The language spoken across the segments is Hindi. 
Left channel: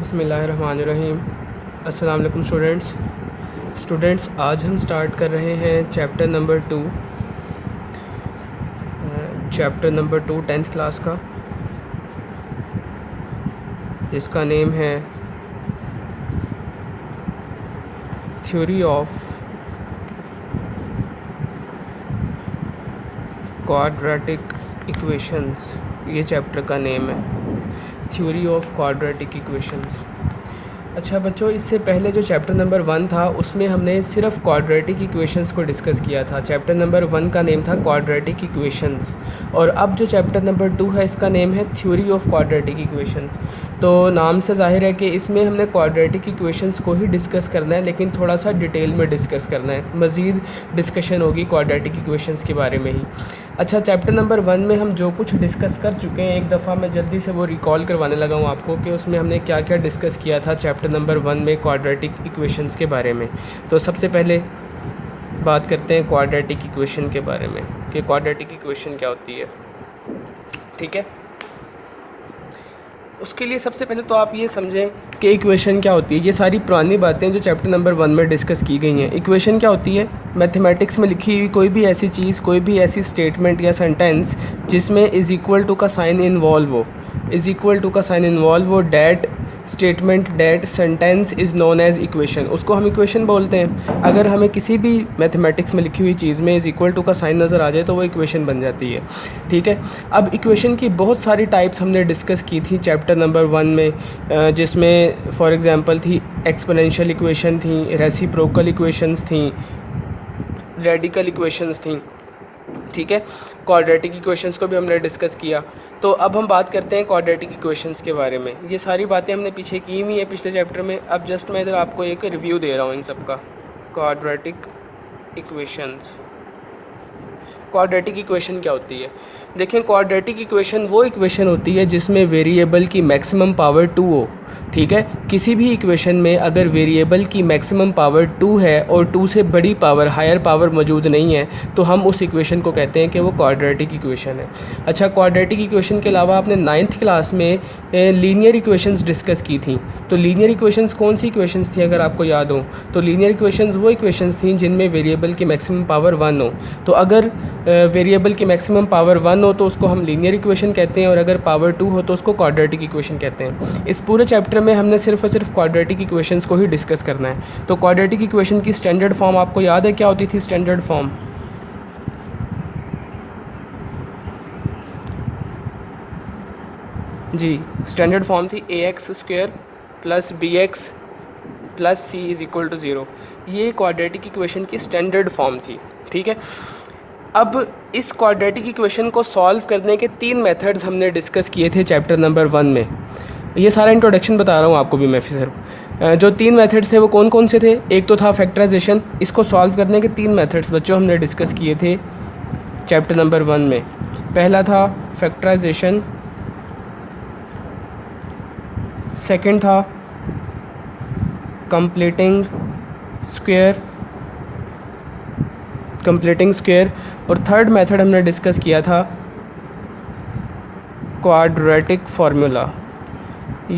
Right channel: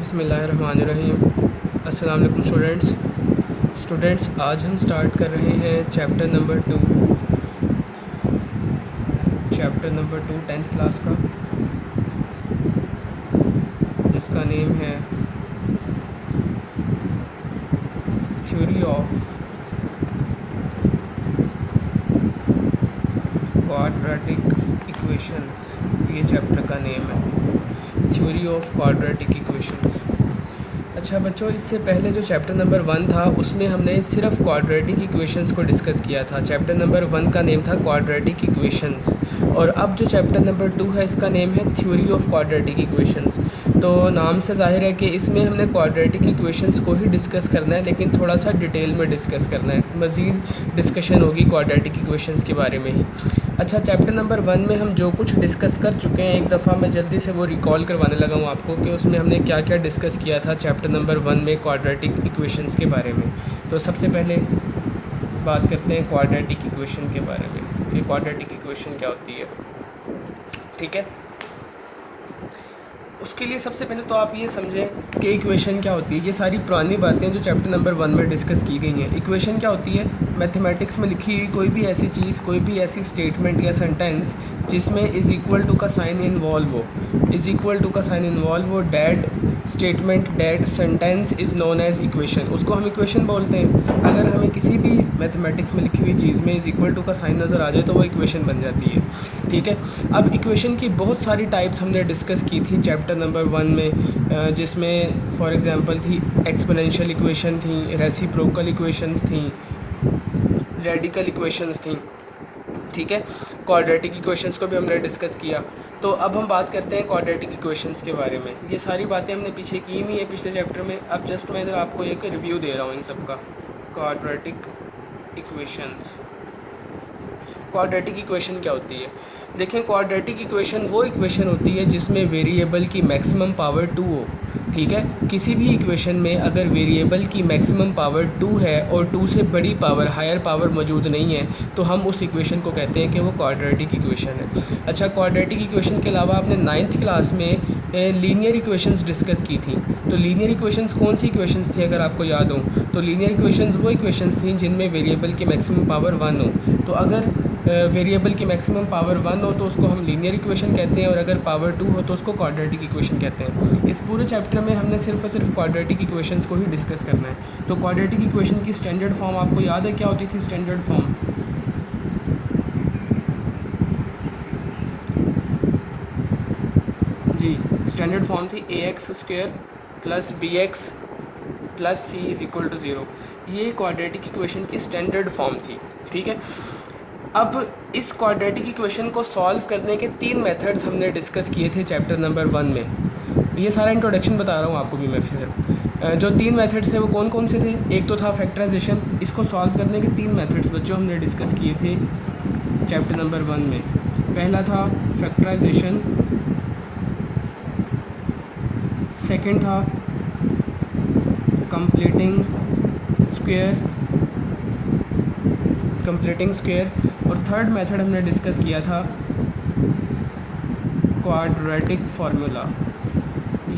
बिस्मिल्लाहिर्रहमानिर्रहीम। अस्सलाम वालेकुम स्टूडेंट्स, आज हम स्टार्ट कर रहे हैं चैप्टर नंबर 2 10th क्लास का, जिसका नेम है थ्योरी ऑफ क्वाड्रेटिक इक्वेशंस। ये चैप्टर का नेम है, थ्योरी ऑफ क्वाड्रेटिक इक्वेशंस। अच्छा बच्चों, इससे पहले जो चैप्टर नंबर 1 था उसमें हमने सिर्फ क्वाड्रेटिक इक्वेशंस को डिस्कस किया था। चैप्टर नंबर 1 का नेम था क्वाड्रेटिक इक्वेशंस, और अब जो चैप्टर नंबर 2 है इसका नेम है थ्योरी ऑफ क्वाड्रेटिक इक्वेशंस। तो नाम से जाहिर है कि इसमें हमने क्वाड्रेटिक इक्वेशंस को ही डिस्कस करना है, लेकिन थोड़ा सा डिटेल में डिस्कस करना है। मज़ीद डिस्कशन होगी क्वाड्रेटिक इक्वेशंस के बारे में ही। अच्छा, चैप्टर नंबर 1 में हम जो कुछ डिस्कस कर चुके हैं, एक दफ़ा मैं जल्दी से वो रिकॉल करवाने लगा हूँ आपको कि उसमें हमने क्या क्या डिस्कस किया था चैप्टर नंबर 1 में क्वाड्रेटिक इक्वेशंस के बारे में। तो सबसे पहले बात करते हैं क्वाड्रेटिक इक्वेशन के बारे में कि क्वाड्रेटिक इक्वेशन क्या होती है। ठीक है, उसके लिए सबसे पहले तो आप ये समझें कि इक्वेशन क्या होती है। ये सारी पुरानी बातें जो चैप्टर नंबर 1 में डिस्कस की गई हैं। इक्वेशन क्या होती है? मैथमेटिक्स में लिखी हुई कोई भी ऐसी चीज़, कोई भी ऐसी स्टेटमेंट या सेंटेंस जिसमें इज़ इक्वल टू का साइन इन्वॉल्व हो, इज़ इक्वल टू का साइन इन्वॉल्व हो, that statement, that sentence is known as equation, उसको हम इक्वेशन बोलते हैं। अगर हमें किसी भी मैथमेटिक्स में लिखी हुई चीज़ में इज़ इक्वल टू का साइन नज़र आ जाए तो वो इक्वेशन बन जाती है। ठीक है, अब इक्वेशन की बहुत सारी टाइप्स हमने डिस्कस की थी चैप्टर नंबर 1 में, जिसमें फॉर एग्ज़ाम्पल थी एक्सपोनेंशियल इक्वेशन थी, रेसिप्रोकल इक्वेशंस थी, रेडिकल इक्वेशंस थी। ठीक है, क्वाड्रेटिक इक्वेशंस को भी हमने डिस्कस किया। तो अब हम बात करते हैं क्वाड्रेटिक इक्वेशंस के बारे में। ये सारी बातें हमने पीछे की हुई है पिछले चैप्टर में। अब जस्ट मैं इधर आपको एक रिव्यू दे रहा हूँ इन सब का। क्वाड्रेटिक इक्वेशंस, क्वाड्रेटिक इक्वेशन क्या होती है? देखें, क्वाड्रेटिक इक्वेशन वो इक्वेशन होती है जिसमें वेरिएबल की मैक्सिमम पावर 2 हो। ठीक है, किसी भी इक्वेशन में अगर वेरिएबल की मैक्सिमम पावर 2 है और 2 से बड़ी पावर, हायर पावर मौजूद नहीं है, तो हम उस इक्वेशन को कहते हैं कि वो क्वाड्रेटिक इक्वेशन है। अच्छा, क्वाड्रेटिक इक्वेशन के अलावा आपने 9th क्लास में लीनियर इक्वेशंस डिस्कस की थी। तो लीनियर इक्वेशंस कौन सी इक्वेशंस थी अगर आपको याद हो? तो लीनियर इक्वेशंस वो इक्वेशंस थी जिनमें वेरिएबल की मैक्सिमम पावर 1 हो। तो अगर वेरिएबल की मैक्सिमम पावर 1 हो तो उसको हम लीनियर इक्वेशन कहते हैं, और अगर पावर 2 हो तो उसको क्वाड्रेटिक इक्वेशन कहते हैं। इस पूरे चैप्टर में हमने सिर्फ और सिर्फ क्वाड्रेटिक इक्वेशंस को ही डिस्कस करना है। तो क्वाड्रेटिक इक्वेशन की स्टैंडर्ड फॉर्म आपको याद है क्या होती थी? स्टैंडर्ड फॉर्म जी, स्टैंडर्ड फॉर्म थी ax² + bx + c = 0। ये क्वाड्रेटिक इक्वेशन की स्टैंडर्ड फॉर्म थी। ठीक है, अब इस क्वाड्रेटिक इक्वेशन को सॉल्व करने के 3 मेथड्स हमने डिस्कस किए थे चैप्टर नंबर 1 में। ये सारा इंट्रोडक्शन बता रहा हूँ आपको भी मैं फिर। जो 3 मेथड्स थे वो कौन कौन से थे? एक तो था फैक्टराइजेशन। इसको सॉल्व करने के 3 मेथड्स बच्चों हमने डिस्कस किए थे चैप्टर नंबर 1 में। पहला था फैक्टराइजेशन, सेकंड था कंप्लीटिंग स्क्वायर, और थर्ड मेथड हमने डिस्कस किया था क्वाड्रेटिक फार्मूला।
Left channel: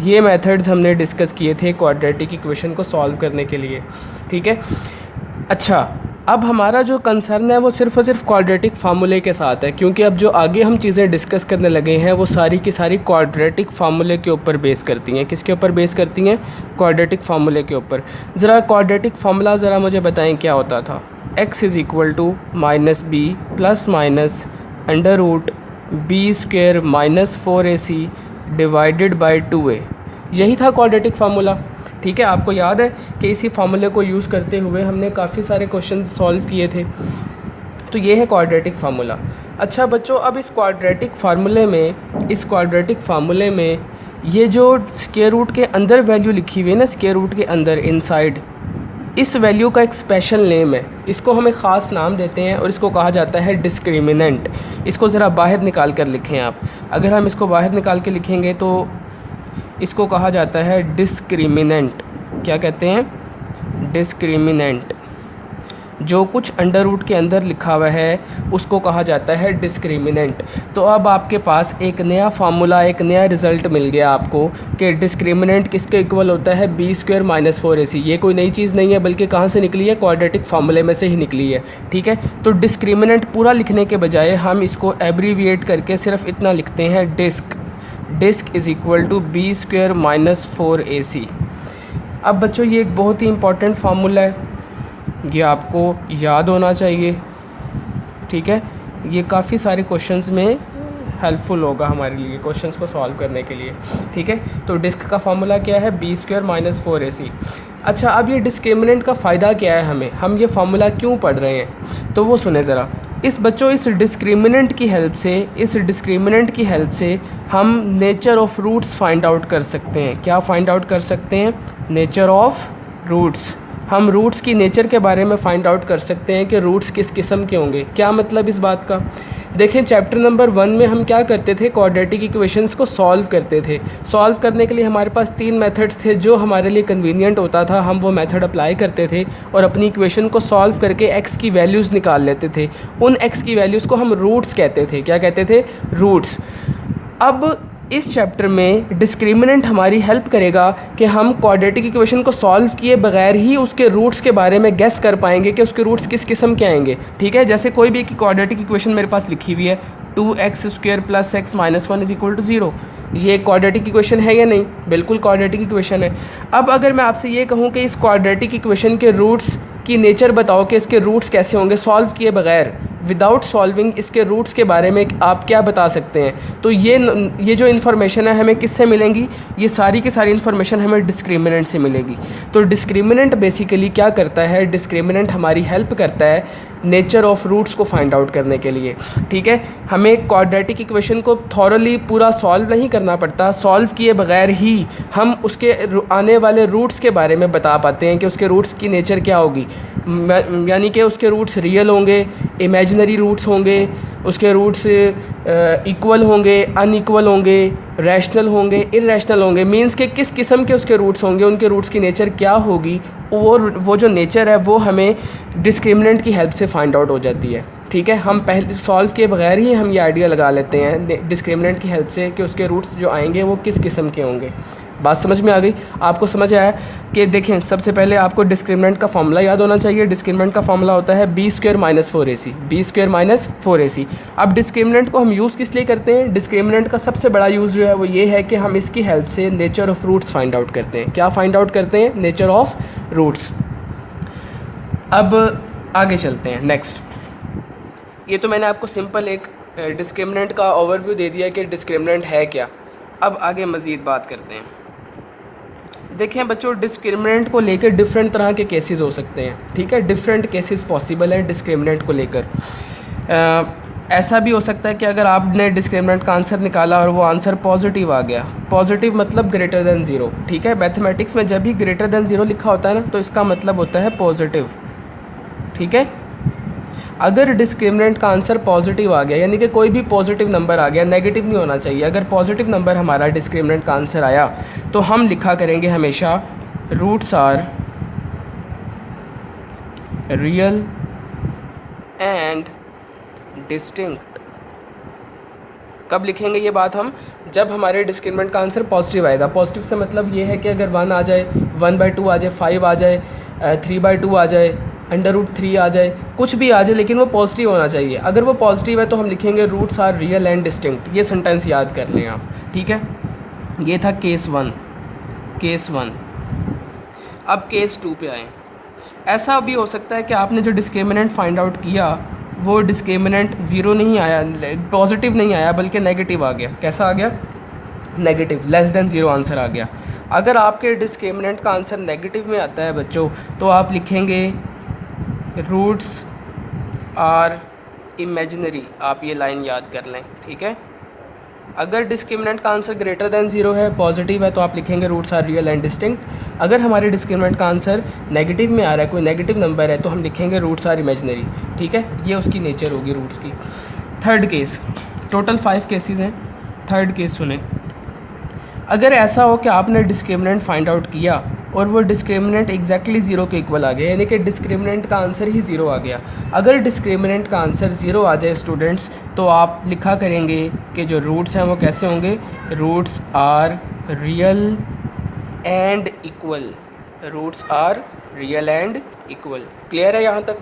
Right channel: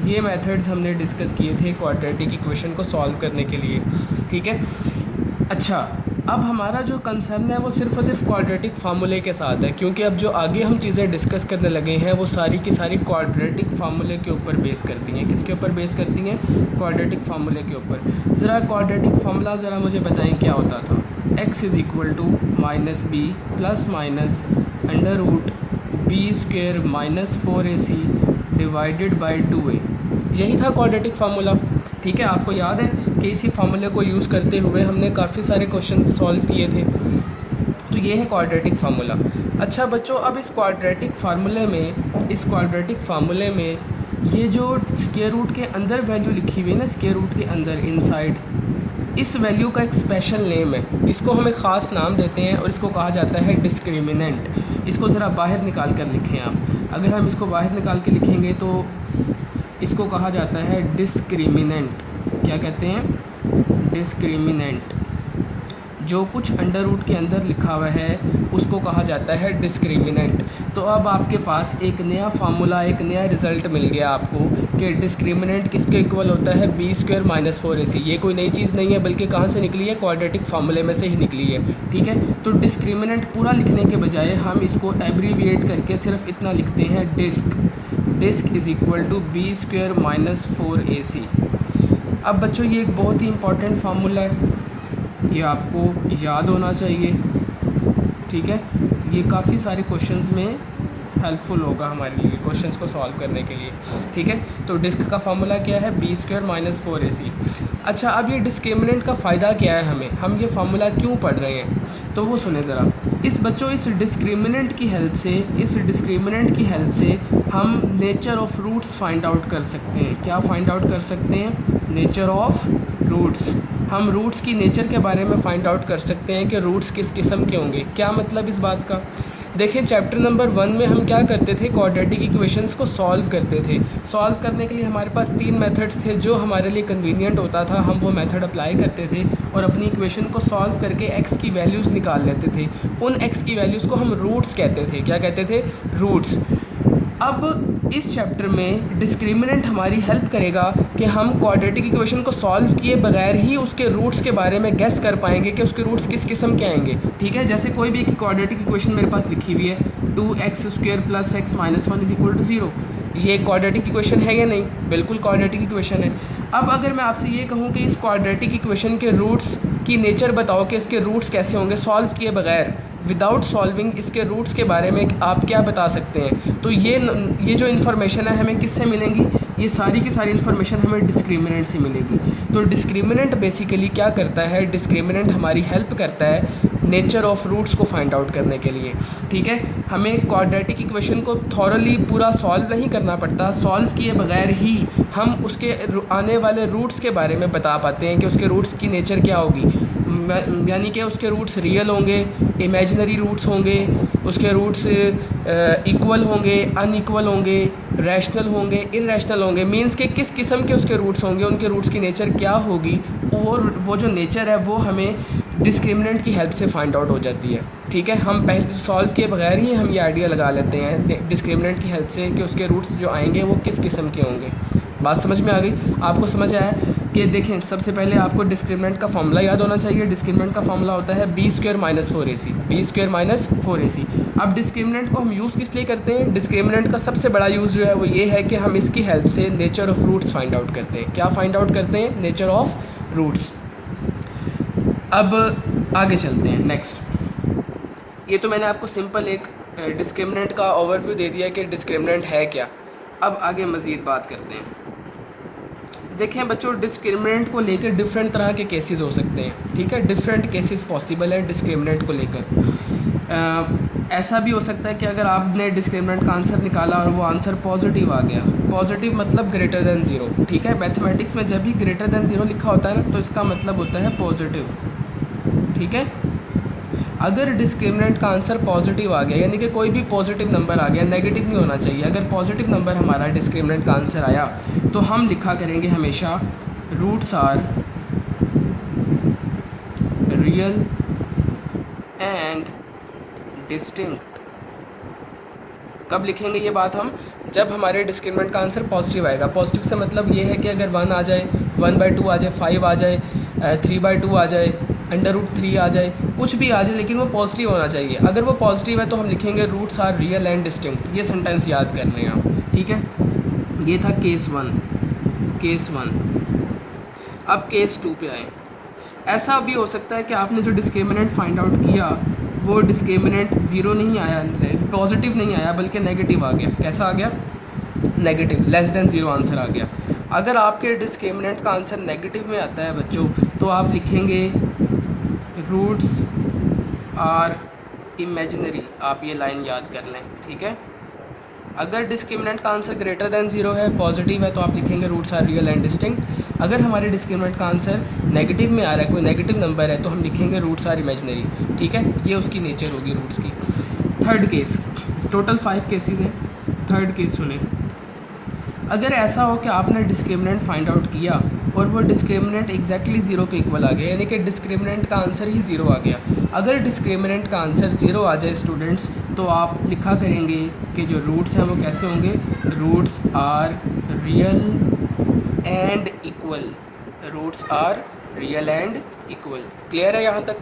ये मेथड्स हमने डिस्कस किए थे क्वाड्रेटिक इक्वेशन को सॉल्व करने के लिए। ठीक है, अच्छा, अब हमारा जो कंसर्न है वो सिर्फ और सिर्फ क्वाड्रेटिक फार्मूले के साथ है, क्योंकि अब जो आगे हम चीज़ें डिस्कस करने लगे हैं वो सारी की सारी क्वाड्रेटिक फार्मूले के ऊपर बेस करती हैं। किसके ऊपर बेस करती हैं? क्वाड्रेटिक फार्मूले के ऊपर। ज़रा क्वाड्रेटिक फार्मूला ज़रा मुझे बताएं क्या होता था? x = -b ± √b² - 4ac / 2a। यही था क्वाड्रेटिक फार्मूला। ठीक है, आपको याद है कि इसी फार्मूले को यूज़ करते हुए हमने काफ़ी सारे क्वेश्चन सॉल्व किए थे। तो ये है क्वाड्रेटिक फार्मूला। अच्छा बच्चों, अब इस क्वाड्रेटिक फार्मूले में ये जो स्क्वायर रूट के अंदर वैल्यू लिखी हुई है ना, स्क्वायर रूट के अंदर इनसाइड, इस वैल्यू का एक स्पेशल नेम है। इसको हम एक ख़ास नाम देते हैं और इसको कहा जाता है डिस्क्रिमिनेंट। इसको ज़रा बाहर निकाल कर लिखें आप। अगर हम इसको बाहर निकाल के लिखेंगे तो इसको कहा जाता है डिस्क्रिमिनेंट। क्या कहते हैं? डिस्क्रिमिनेंट। जो कुछ अंडर रूट के अंदर लिखा हुआ है उसको कहा जाता है डिस्क्रिमिनेंट। तो अब आपके पास एक नया फार्मूला, एक नया रिज़ल्ट मिल गया आपको कि डिस्क्रिमिनेंट किसके इक्वल होता है, b² - 4ac। ये कोई नई चीज़ नहीं है बल्कि कहाँ से निकली है, क्वाड्रेटिक फार्मूले में से ही निकली है। ठीक है, तो डिस्क्रिमिनेंट पूरा लिखने के बजाय हम इसको एब्रीविएट करके सिर्फ इतना लिखते हैं, disc is equal to b² - 4ac। अब बच्चों ये एक बहुत ही इंपॉर्टेंट फार्मूला है, ये आपको याद होना चाहिए। ठीक है, ये काफ़ी सारे क्वेश्चंस में हेल्पफुल होगा हमारे लिए क्वेश्चंस को सॉल्व करने के लिए। ठीक है, तो डिस्क का फार्मूला क्या है, b² - 4ac। अच्छा, अब ये डिस्क्रिमिनेंट का फ़ायदा क्या है हमें, हम ये फार्मूला क्यों पढ़ रहे हैं, तो वो सुने ज़रा। इस डिस्क्रिमिनेंट की हेल्प से हम nature of roots find out कर सकते हैं। क्या फाइंड आउट कर सकते हैं, नेचर ऑफ रूट्स। हम रूट्स की नेचर के बारे में फ़ाइंड आउट कर सकते हैं कि रूट्स किस किस्म के होंगे। क्या मतलब इस बात का, देखें चैप्टर नंबर 1 में हम क्या करते थे, क्वाड्रेटिक इक्वेशंस को सॉल्व करते थे। सॉल्व करने के लिए हमारे पास 3 मेथड्स थे, जो हमारे लिए कन्वीनियंट होता था हम वो मेथड अप्लाई करते थे और अपनी इक्वेशन को सॉल्व करके एक्स की वैल्यूज़ निकाल लेते थे। उन एक्स की वैल्यूज़ को हम रूट्स कहते थे। क्या कहते थे, रूट्स। अब इस चैप्टर में डिस्क्रिमिनेंट हमारी हेल्प करेगा कि हम क्वाड्रेटिक इक्वेशन को सॉल्व किए बगैर ही उसके रूट्स के बारे में गेस कर पाएंगे कि उसके रूट्स किस किस्म के आएंगे। ठीक है, जैसे कोई भी क्वाड्रेटिक इक्वेशन मेरे पास लिखी हुई है, 2x² + x - 1 = 0, ये क्वाड्रेटिक इक्वेशन है या नहीं, बिल्कुल क्वाड्रेटिक इक्वेशन है। अब अगर मैं आपसे ये कहूँ कि इस क्वाड्रेटिक इक्वेशन के रूट्स की नेचर बताओ कि इसके रूट्स कैसे होंगे, सॉल्व किए बगैर, विदाउट सॉल्विंग इसके रूट्स के बारे में आप क्या बता सकते हैं, तो ये जो इन्फॉर्मेशन है हमें किससे मिलेंगी, ये सारी की सारी इन्फॉर्मेशन हमें डिस्क्रिमिनेंट से मिलेगी। तो डिस्क्रिमिनेंट बेसिकली क्या करता है, डिस्क्रिमिनेंट हमारी हेल्प करता है नेचर ऑफ रूट्स को फाइंड आउट करने के लिए। ठीक है, हमें क्वाड्रेटिक इक्वेशन को थॉरली पूरा सॉल्व नहीं करना पड़ता, सॉल्व किए बगैर ही हम उसके आने वाले रूट्स के बारे में बता पाते हैं कि उसके रूट्स की नेचर क्या होगी, यानी कि उसके रूट्स रियल होंगे, इमेजिनरी रूट्स होंगे, उसके रूट्स इक्वल होंगे, अनइक्वल होंगे, रैशनल होंगे, इररेशनल होंगे, मींस के किस किस्म के उसके रूट्स होंगे, उनके रूट्स की नेचर क्या होगी, और वो जो नेचर है वो हमें डिस्क्रिमिनेंट की हेल्प से फाइंड आउट हो जाती है। ठीक है, हम पहले सॉल्व किए बगैर ही हम ये आइडिया लगा लेते हैं डिस्क्रिमिनेंट की हेल्प से कि उसके रूट्स जो आएंगे वो किस किस्म के होंगे। बात समझ में आ गई, आपको समझ आया कि देखें सबसे पहले आपको डिस्क्रिमिनेंट का फॉर्मूला याद होना चाहिए। डिस्क्रिमिनेंट का फॉर्मूला होता है b² - 4ac, b² - 4ac। अब डिस्क्रिमिनेंट को हम यूज़ किस लिए करते हैं, डिस्क्रिमिनेंट का सबसे बड़ा यूज़ जो है वो ये है कि हम इसकी हेल्प से nature of roots find out करते हैं। क्या फाइंड आउट करते हैं, नेचर ऑफ़ रूट्स। अब आगे चलते हैं नेक्स्ट। ये तो मैंने आपको सिंपल एक डिस्क्रिमिनेंट का ओवरव्यू दे दिया कि डिस्क्रिमिनेंट है क्या। अब आगे मज़ीद बात करते हैं। देखें बच्चों, डिस्क्रिमिनेंट को लेकर डिफरेंट तरह के केसेस हो सकते हैं। ठीक है, डिफरेंट केसेस पॉसिबल है डिस्क्रिमिनेंट को लेकर। ऐसा भी हो सकता है कि अगर आपने डिस्क्रिमिनेंट का आंसर निकाला और वो आंसर पॉजिटिव आ गया, पॉजिटिव मतलब ग्रेटर दैन ज़ीरो। ठीक है, मैथमेटिक्स में जब भी ग्रेटर दैन ज़ीरो लिखा होता है ना, तो इसका मतलब होता है पॉजिटिव। ठीक है, अगर डिस्क्रिमिनेंट का आंसर पॉजिटिव आ गया, यानी कि कोई भी पॉजिटिव नंबर आ गया, नेगेटिव नहीं होना चाहिए, अगर पॉजिटिव नंबर हमारा डिस्क्रिमिनेंट का आंसर आया तो हम लिखा करेंगे हमेशा roots are real and distinct. कब लिखेंगे ये बात हम, जब हमारे डिस्क्रिमिनेंट का आंसर पॉजिटिव आएगा। पॉजिटिव से मतलब ये है कि अगर 1 आ जाए, 1/2 आ जाए, 5 आ जाए, 3/2 आ जाए, √3 आ जाए, कुछ भी आ जाए, लेकिन वो पॉजिटिव होना चाहिए। अगर वो पॉजिटिव है तो हम लिखेंगे roots are real and distinct. ये सेंटेंस याद कर लें आप। ठीक है, ये था केस 1। अब केस 2 पे आए। ऐसा भी हो सकता है कि आपने जो डिस्क्रिमिनेंट फाइंड आउट किया वो डिस्क्रिमिनेंट ज़ीरो नहीं आया, पॉजिटिव नहीं आया, बल्कि नेगेटिव आ गया। कैसा आ गया, negative, less than zero answer आ गया। अगर आपके डिस्क्रिमिनेंट का आंसर नेगेटिव में आता है बच्चों, तो आप लिखेंगे रूट्स आर इमेजिनरी। आप ये लाइन याद कर लें। ठीक है, अगर डिस्क्रिमिनेंट का आंसर ग्रेटर दैन ज़ीरो है, पॉजिटिव है, तो आप लिखेंगे roots are real and distinct. अगर हमारे डिस्क्रिमिनेंट का आंसर नेगेटिव में आ रहा है, कोई नेगेटिव नंबर है, तो हम लिखेंगे रूट्स आर इमेजिनरी। ठीक है, ये उसकी नेचर होगी रूट्स की। थर्ड केस, टोटल 5 केसेस हैं। थर्ड केस सुने। अगर ऐसा हो कि आपने डिस्क्रिमिनेंट फाइंड आउट किया और वो डिस्क्रिमिनेंट एग्जैक्टली ज़ीरो के इक्वल आ गया, यानी कि डिस्क्रिमिनेंट का आंसर ही ज़ीरो आ गया। अगर डिस्क्रिमिनेंट का आंसर ज़ीरो आ जाए स्टूडेंट्स, तो आप लिखा करेंगे कि जो रूट्स हैं वो कैसे होंगे, roots are real and equal, roots are real and equal. Clear है यहाँ तक?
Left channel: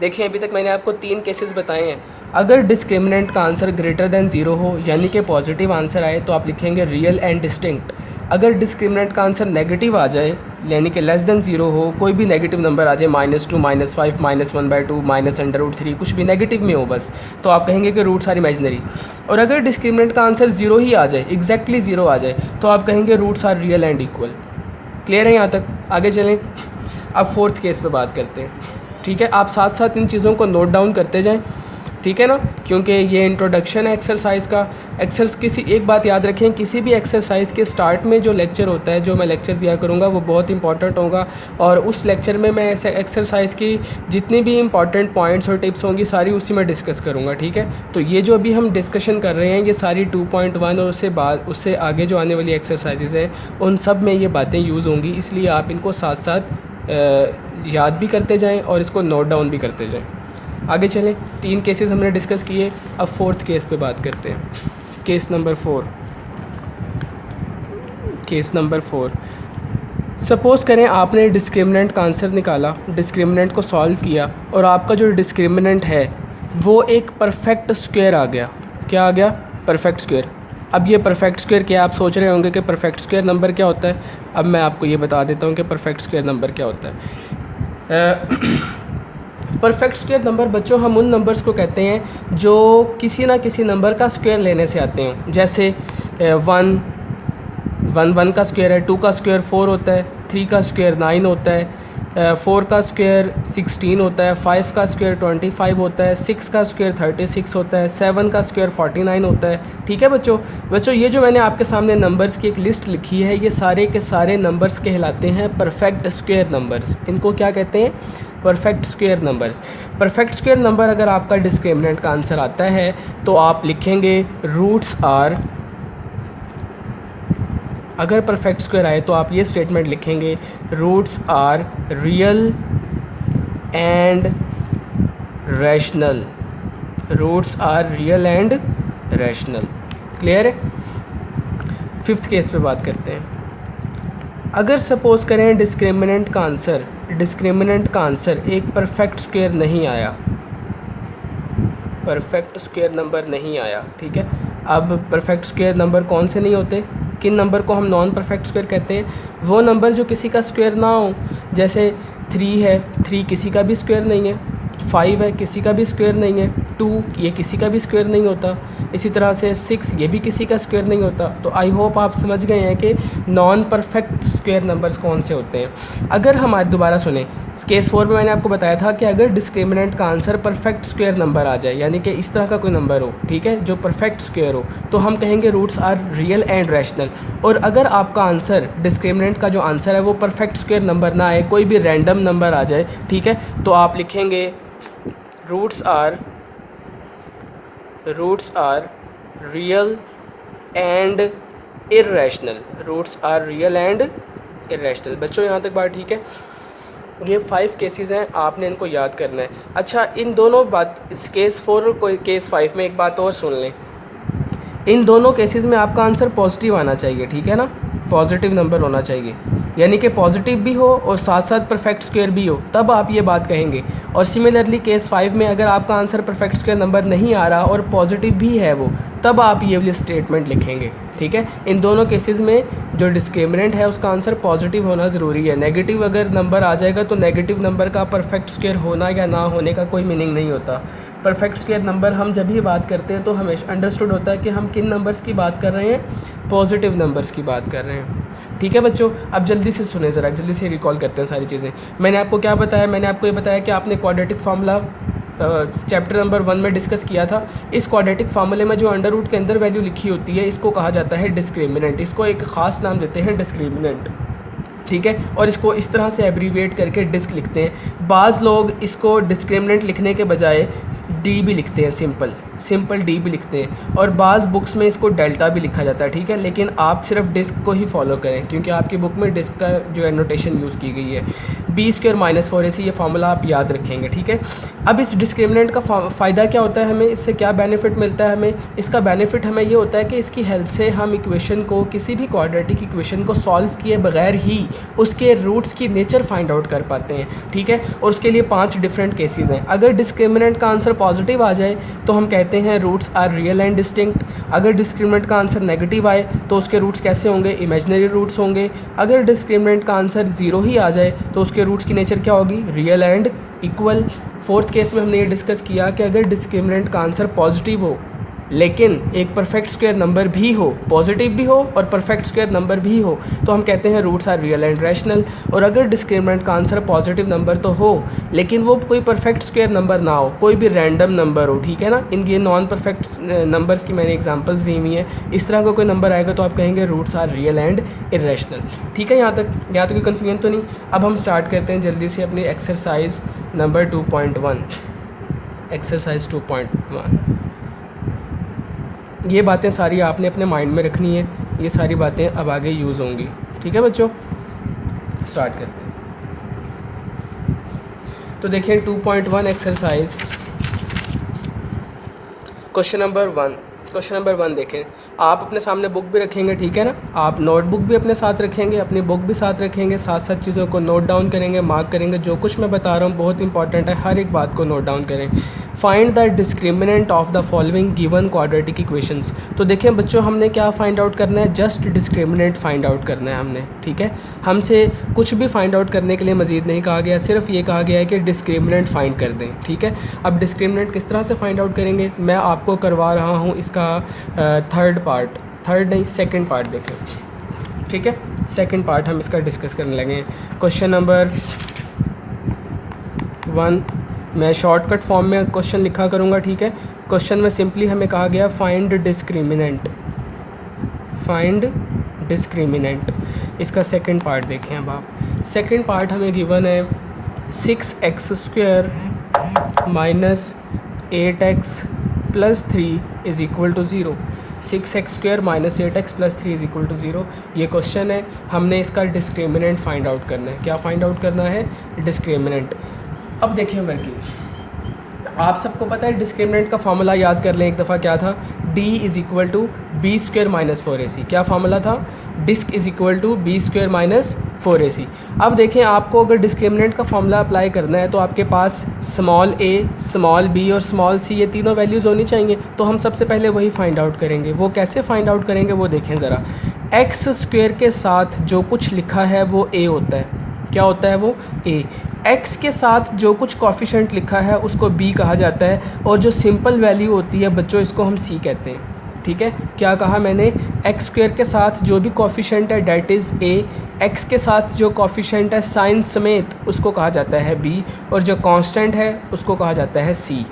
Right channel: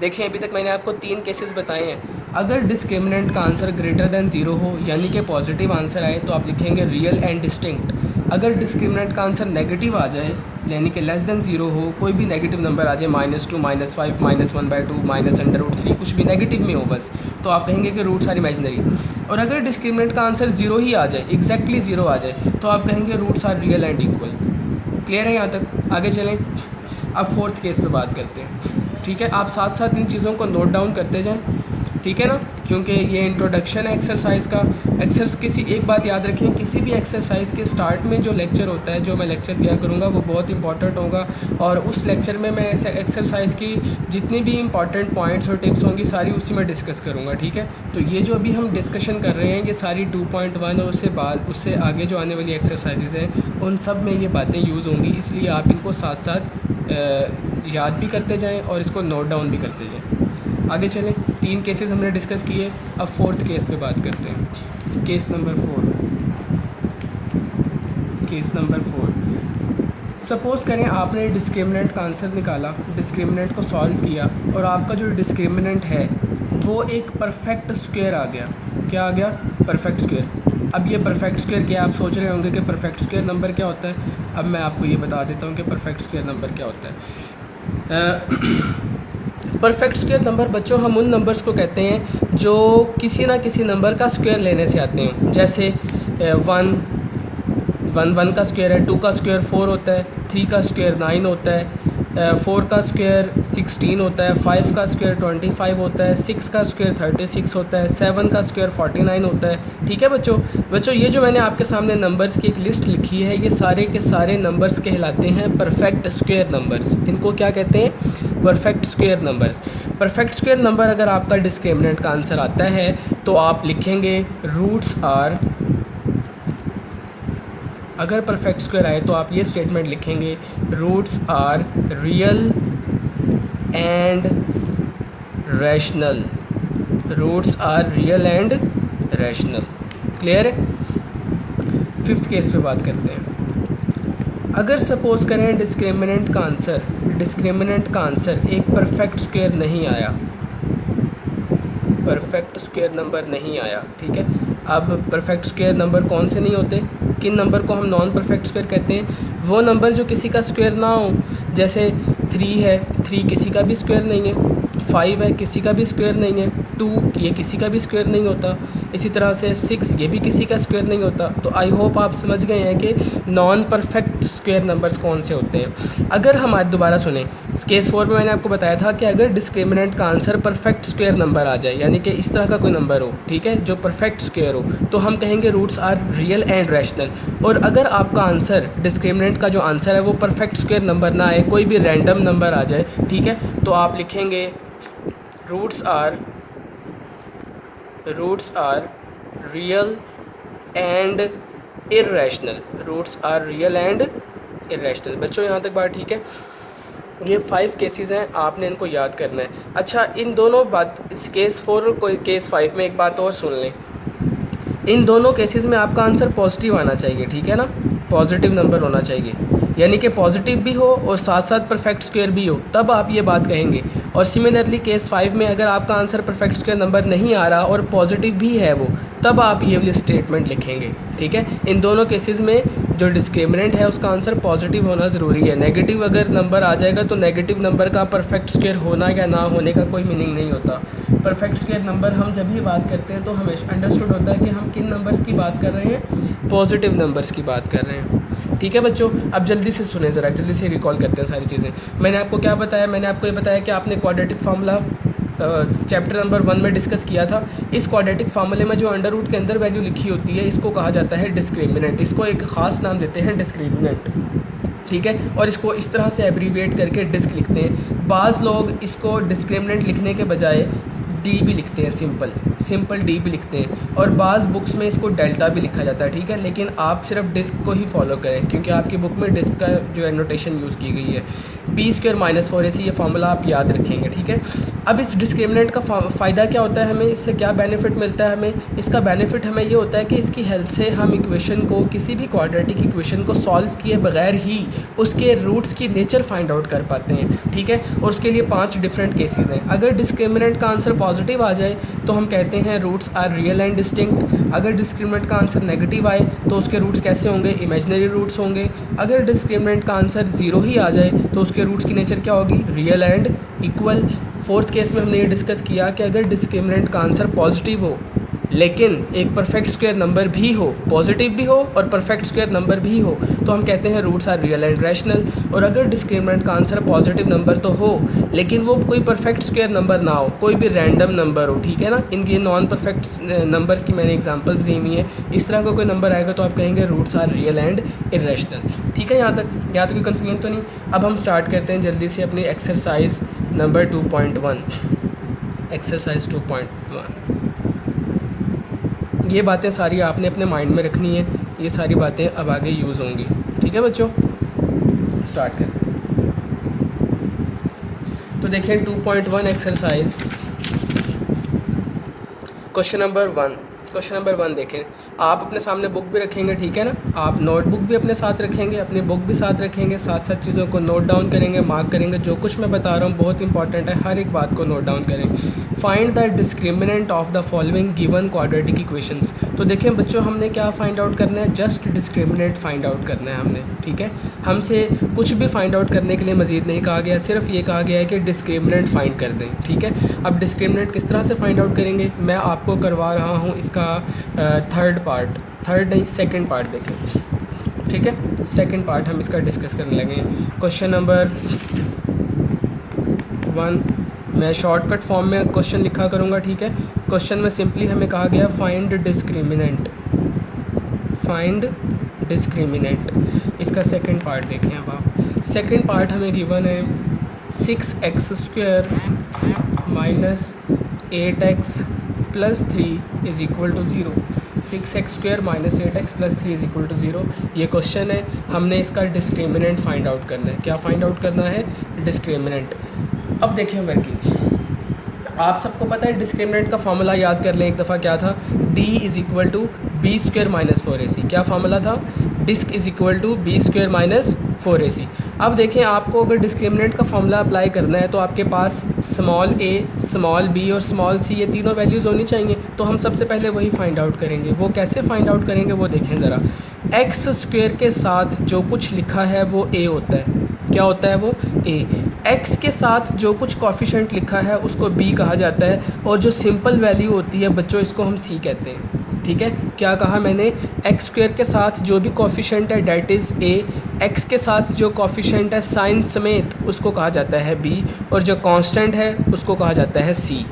देखिए अभी तक मैंने आपको 3 केसेस बताए हैं। अगर डिस्क्रिमिनेंट का आंसर ग्रेटर देन ज़ीरो हो, यानी कि पॉजिटिव आंसर आए, तो आप लिखेंगे रियल एंड डिस्टिंक्ट। अगर डिस्क्रिमिनेंट का आंसर नेगेटिव आ जाए, यानी कि लेस देन ज़ीरो हो, कोई भी नेगेटिव नंबर आ जाए, -2, -5, -1/2, -√3, कुछ भी नेगेटिव में हो बस, तो आप कहेंगे कि रूट्स आर इमेजिनरी। और अगर डिस्क्रिमिनेंट का आंसर ज़ीरो ही आ जाए, एग्जैक्टली ज़ीरो आ जाए, तो आप कहेंगे roots are real and equal. Clear है यहाँ तक? आगे चलें, अब फोर्थ केस पे बात करते हैं। ठीक है, आप साथ साथ इन चीज़ों को नोट डाउन करते जाएं, ठीक है ना, क्योंकि ये इंट्रोडक्शन है एक्सरसाइज का। किसी एक बात याद रखें, किसी भी एक्सरसाइज के स्टार्ट में जो लेक्चर होता है, जो मैं लेक्चर दिया करूँगा, वो बहुत इंपॉर्टेंट होगा, और उस लेक्चर में मैं ऐसे एक्सरसाइज की जितनी भी इंपॉर्टेंट पॉइंट्स और टिप्स होंगी सारी उसी में डिस्कस करूँगा। ठीक है, तो ये जो अभी हम डिस्कशन कर रहे हैं, ये सारी 2.1 और उससे आगे जो आने वाली एक्सरसाइजेज़ हैं, उन सब में ये बातें यूज़ होंगी, इसलिए आप इनको साथ साथ याद भी करते जाएं और इसको नोट डाउन भी करते जाएं। आगे चलें, 3 केसेस हमने डिस्कस किए, अब फोर्थ केस पे बात करते हैं। Case number 4। सपोज़ करें आपने डिस्क्रिमिनेंट का आंसर निकाला, डिस्क्रिमिनेंट को सॉल्व किया, और आपका जो डिस्क्रिमिनेंट है वो एक परफेक्ट स्क्वायर आ गया। क्या आ गया? Perfect square. अब ये परफेक्ट स्क्वायर क्या, आप सोच रहे होंगे कि परफेक्ट स्क्वायर नंबर क्या होता है। अब मैं आपको ये बता देता हूँ कि परफेक्ट स्क्वायर नंबर क्या होता है। परफेक्ट स्क्वायर नंबर बच्चों, हम उन नंबर्स को कहते हैं जो किसी ना किसी नंबर का स्क्वायर लेने से आते हैं। जैसे 1 का स्क्वायर है, 2 का स्क्वायर 4 होता है, 3 का स्क्वायर 9 होता है, 4 का स्क्वायर 16 होता है, 5 का स्क्वायर 25 होता है, 6 का स्क्वायर 36 होता है, 7 का स्क्वायर 49 होता है। ठीक है बच्चों, ये जो मैंने आपके सामने नंबर्स की एक लिस्ट लिखी है, ये सारे के सारे नंबर्स कहलाते हैं परफेक्ट स्क्वायर नंबर्स। इनको क्या कहते हैं? Perfect square numbers. Perfect square number अगर आपका डिस्क्रिमिनेंट का आंसर आता है, तो आप लिखेंगे रूट्स आर, अगर परफेक्ट स्क्वायर आए तो आप ये स्टेटमेंट लिखेंगे, roots are real and rational, roots are real and rational. Clear है? 5th केस पे बात करते हैं। अगर सपोज़ करें डिस्क्रिमिनेंट का आंसर एक परफेक्ट स्क्वायर नहीं आया, परफेक्ट स्क्वायर नंबर नहीं आया। ठीक है, अब परफेक्ट स्क्वायर नंबर कौन से नहीं होते, किन नंबर को हम नॉन परफेक्ट स्क्वायर कहते हैं? वो नंबर जो किसी का स्क्वायर ना हो। जैसे 3 है, 3 किसी का भी स्क्वायर नहीं है, 5 है, किसी का भी स्क्वायर नहीं है, 2 ये किसी का भी स्क्वायर नहीं होता, इसी तरह से 6 ये भी किसी का स्क्वायर नहीं होता। तो आई होप आप समझ गए हैं कि नॉन परफेक्ट स्क्वायर नंबर्स कौन से होते हैं। अगर हमारे, दोबारा सुने, केस 4 में मैंने आपको बताया था कि अगर डिस्क्रिमिनेंट का आंसर परफेक्ट स्क्वायर नंबर आ जाए, यानी कि इस तरह का कोई नंबर हो, ठीक है, जो परफेक्ट स्क्वायर हो, तो हम कहेंगे roots are real and rational. और अगर आपका आंसर, डिस्क्रिमिनेंट का जो आंसर है वो परफेक्ट स्क्वायर नंबर ना आए, कोई भी रैंडम नंबर आ जाए, ठीक है, तो आप लिखेंगे roots are real and irrational, roots are real and irrational. बच्चों यहाँ तक बात ठीक है? ये 5 केसेस हैं, आपने इनको याद करना है। अच्छा, इन दोनों इस केस 4 और केस 5 में एक बात और सुन लें, इन दोनों केसेस में आपका आंसर पॉजिटिव आना चाहिए। ठीक है ना, पॉजिटिव नंबर होना चाहिए, यानी कि पॉजिटिव भी हो और साथ साथ परफेक्ट स्क्वायर भी हो, तब आप ये बात कहेंगे। और सिमिलरली केस 5 में अगर आपका आंसर परफेक्ट स्क्वायर नंबर नहीं आ रहा और पॉजिटिव भी है वो, तब आप ये वाली स्टेटमेंट लिखेंगे। ठीक है, इन दोनों केसेस में जो डिस्क्रिमिनेंट है उसका आंसर पॉजिटिव होना ज़रूरी है। नेगेटिव अगर नंबर आ जाएगा तो नेगेटिव नंबर का परफेक्ट स्क्वायर होना या ना होने का कोई मीनिंग नहीं होता। परफेक्ट स्क्वायर नंबर हम जब भी बात करते हैं तो हमेशा अंडरस्टूड होता है कि हम किन नंबर्स की बात कर रहे हैं, पॉजिटिव नंबर्स की बात कर रहे हैं। ठीक है बच्चों, अब जल्दी से सुने ज़रा, जल्दी से रिकॉल करते हैं सारी चीज़ें। मैंने आपको क्या बताया? मैंने आपको ये बताया कि आपने क्वाड्रेटिक फार्मूला चैप्टर नंबर 1 में डिस्कस किया था। इस क्वाड्रेटिक फार्मूले में जो अंडर रूट के अंदर वैल्यू लिखी होती है, इसको कहा जाता है डिस्क्रिमिनेंट। इसको एक ख़ास नाम देते हैं डिस्क्रिमिनेंट। ठीक है, और इसको इस तरह से एब्रीविएट करके डिस्क लिखते हैं। बाज़ लोग इसको डिस्क्रिमिनेंट लिखने के बजाय डी भी लिखते हैं, सिंपल। सिंपल डी भी लिखते हैं, और बाज़ बुक्स में इसको डेल्टा भी लिखा जाता है, ठीक है। लेकिन आप सिर्फ डिस्क को ही फॉलो करें, क्योंकि आपकी बुक में डिस्क का जो है नोटेशन यूज़ की गई है। b² - 4ac ये फार्मूला आप याद रखेंगे, ठीक है। अब इस डिस्क्रिमिनेंट का फ़ायदा क्या होता है, हमें इससे क्या बेनिफिट मिलता है? हमें इसका बेनिफिट हमें ये होता है कि इसकी हेल्प से हम इक्वेशन को, किसी भी क्वाड्रेटिक इक्वेशन को सॉल्व किए बगैर ही उसके रूट्स की नेचर फाइंड आउट कर पाते हैं, ठीक है। और उसके लिए 5 डिफरेंट केसेस हैं। अगर डिस्क्रिमिनेंट का आंसर पॉजिटिव आ जाए तो हम कहते हैं roots are real and distinct. अगर डिस्क्रिमिनेंट का आंसर नेगेटिव आए तो उसके रूट्स कैसे होंगे? इमेजिनरी रूट्स होंगे। अगर डिस्क्रिमिनेंट का आंसर 0 ही आ जाए तो उसके रूट्स की नेचर क्या होगी? Real and equal. Fourth case में हमने ये डिस्कस किया कि अगर डिस्क्रिमिनेंट का आंसर पॉजिटिव हो लेकिन एक परफेक्ट स्क्वायर नंबर भी हो, पॉजिटिव भी हो और परफेक्ट स्क्वायर नंबर भी हो, तो हम कहते हैं roots are real and rational. और अगर डिस्क्रिमिनेंट का आंसर पॉजिटिव नंबर तो हो लेकिन वो कोई परफेक्ट स्क्वायर नंबर ना हो, कोई भी रैंडम नंबर हो, ठीक है ना। इनके नॉन परफेक्ट नंबर्स की मैंने एग्जांपल्स दी हुई हैं। इस तरह का कोई नंबर आएगा तो आप कहेंगे roots are real and irrational, ठीक है। यहाँ तक कोई कन्फ्यूजन तो नहीं। अब हम स्टार्ट करते हैं जल्दी से अपनी एक्सरसाइज नंबर 2.1। एक्सरसाइज 2.1, ये बातें सारी आपने अपने माइंड में रखनी है। ये सारी बातें अब आगे यूज़ होंगी, ठीक है बच्चों। स्टार्ट करें। तो देखें 2.1 exercise, question number 1। Question number 1 देखें। आप अपने सामने बुक भी रखेंगे, ठीक है ना। आप नोटबुक भी अपने साथ रखेंगे, अपनी बुक भी साथ रखेंगे, साथ साथ चीज़ों को नोट डाउन करेंगे, मार्क करेंगे। जो कुछ मैं बता रहा हूँ बहुत इंपॉर्टेंट है, हर एक बात को नोट डाउन करें। Find the discriminant of the following given quadratic equations. तो देखें बच्चों, हमने क्या फाइंड आउट करना है? जस्ट डिस्क्रिमिनेंट फाइंड आउट करना है हमने, ठीक है। हमसे कुछ भी फाइंड आउट करने के लिए मज़ीद नहीं कहा गया, सिर्फ ये कहा गया है कि डिस्क्रिमिनेंट फाइंड कर दें, ठीक है। अब डिस्क्रिमिनेंट किस तरह से फाइंड आउट करेंगे, मैं आपको करवा रहा हूँ इसका सेकंड पार्ट देखें, ठीक है। सेकंड पार्ट हम इसका डिस्कस करने लगे। क्वेश्चन नंबर 1 मैं शॉर्टकट फॉर्म में क्वेश्चन लिखा करूँगा, ठीक है। क्वेश्चन में सिंपली हमें कहा गया फाइंड डिस्क्रिमिनेंट। इसका सेकंड पार्ट देखें। अब आप सेकंड पार्ट हमें गिवन है 6x² - 8x + 3 = 0। 6x² - 8x + 3 = 0 ये क्वेश्चन है। हमने इसका डिस्क्रिमिनेंट फाइंड आउट करना है। क्या फाइंड आउट करना है? डिस्क्रिमिनेंट। अब देखिए वर्किंग, आप सबको पता है डिस्क्रिमिनेंट का फार्मूला याद कर लें एक दफ़ा। क्या था? D = b² - 4ac। क्या फार्मूला था? Disc = b² - 4ac। अब देखें, आपको अगर डिस्क्रिमिनेंट का फार्मूला अप्लाई करना है तो आपके पास स्मॉल a, स्मॉल b और स्मॉल c ये तीनों वैल्यूज़ होनी चाहिए। तो हम सबसे पहले वही फाइंड आउट करेंगे। वो कैसे फाइंड आउट करेंगे वो देखें ज़रा। x² के साथ जो कुछ लिखा है वो a होता है। क्या होता है वो? a। x के साथ जो कुछ कॉफिशेंट लिखा है उसको b कहा जाता है, और जो सिंपल वैल्यू होती है बच्चों इसको हम c कहते हैं, ठीक है। क्या कहा मैंने? x² के साथ जो भी कॉफिशेंट है डेट इज़ a, x के साथ जो कॉफिशेंट है साइन समेत उसको कहा जाता है b, और जो कांस्टेंट है उसको कहा जाता है c,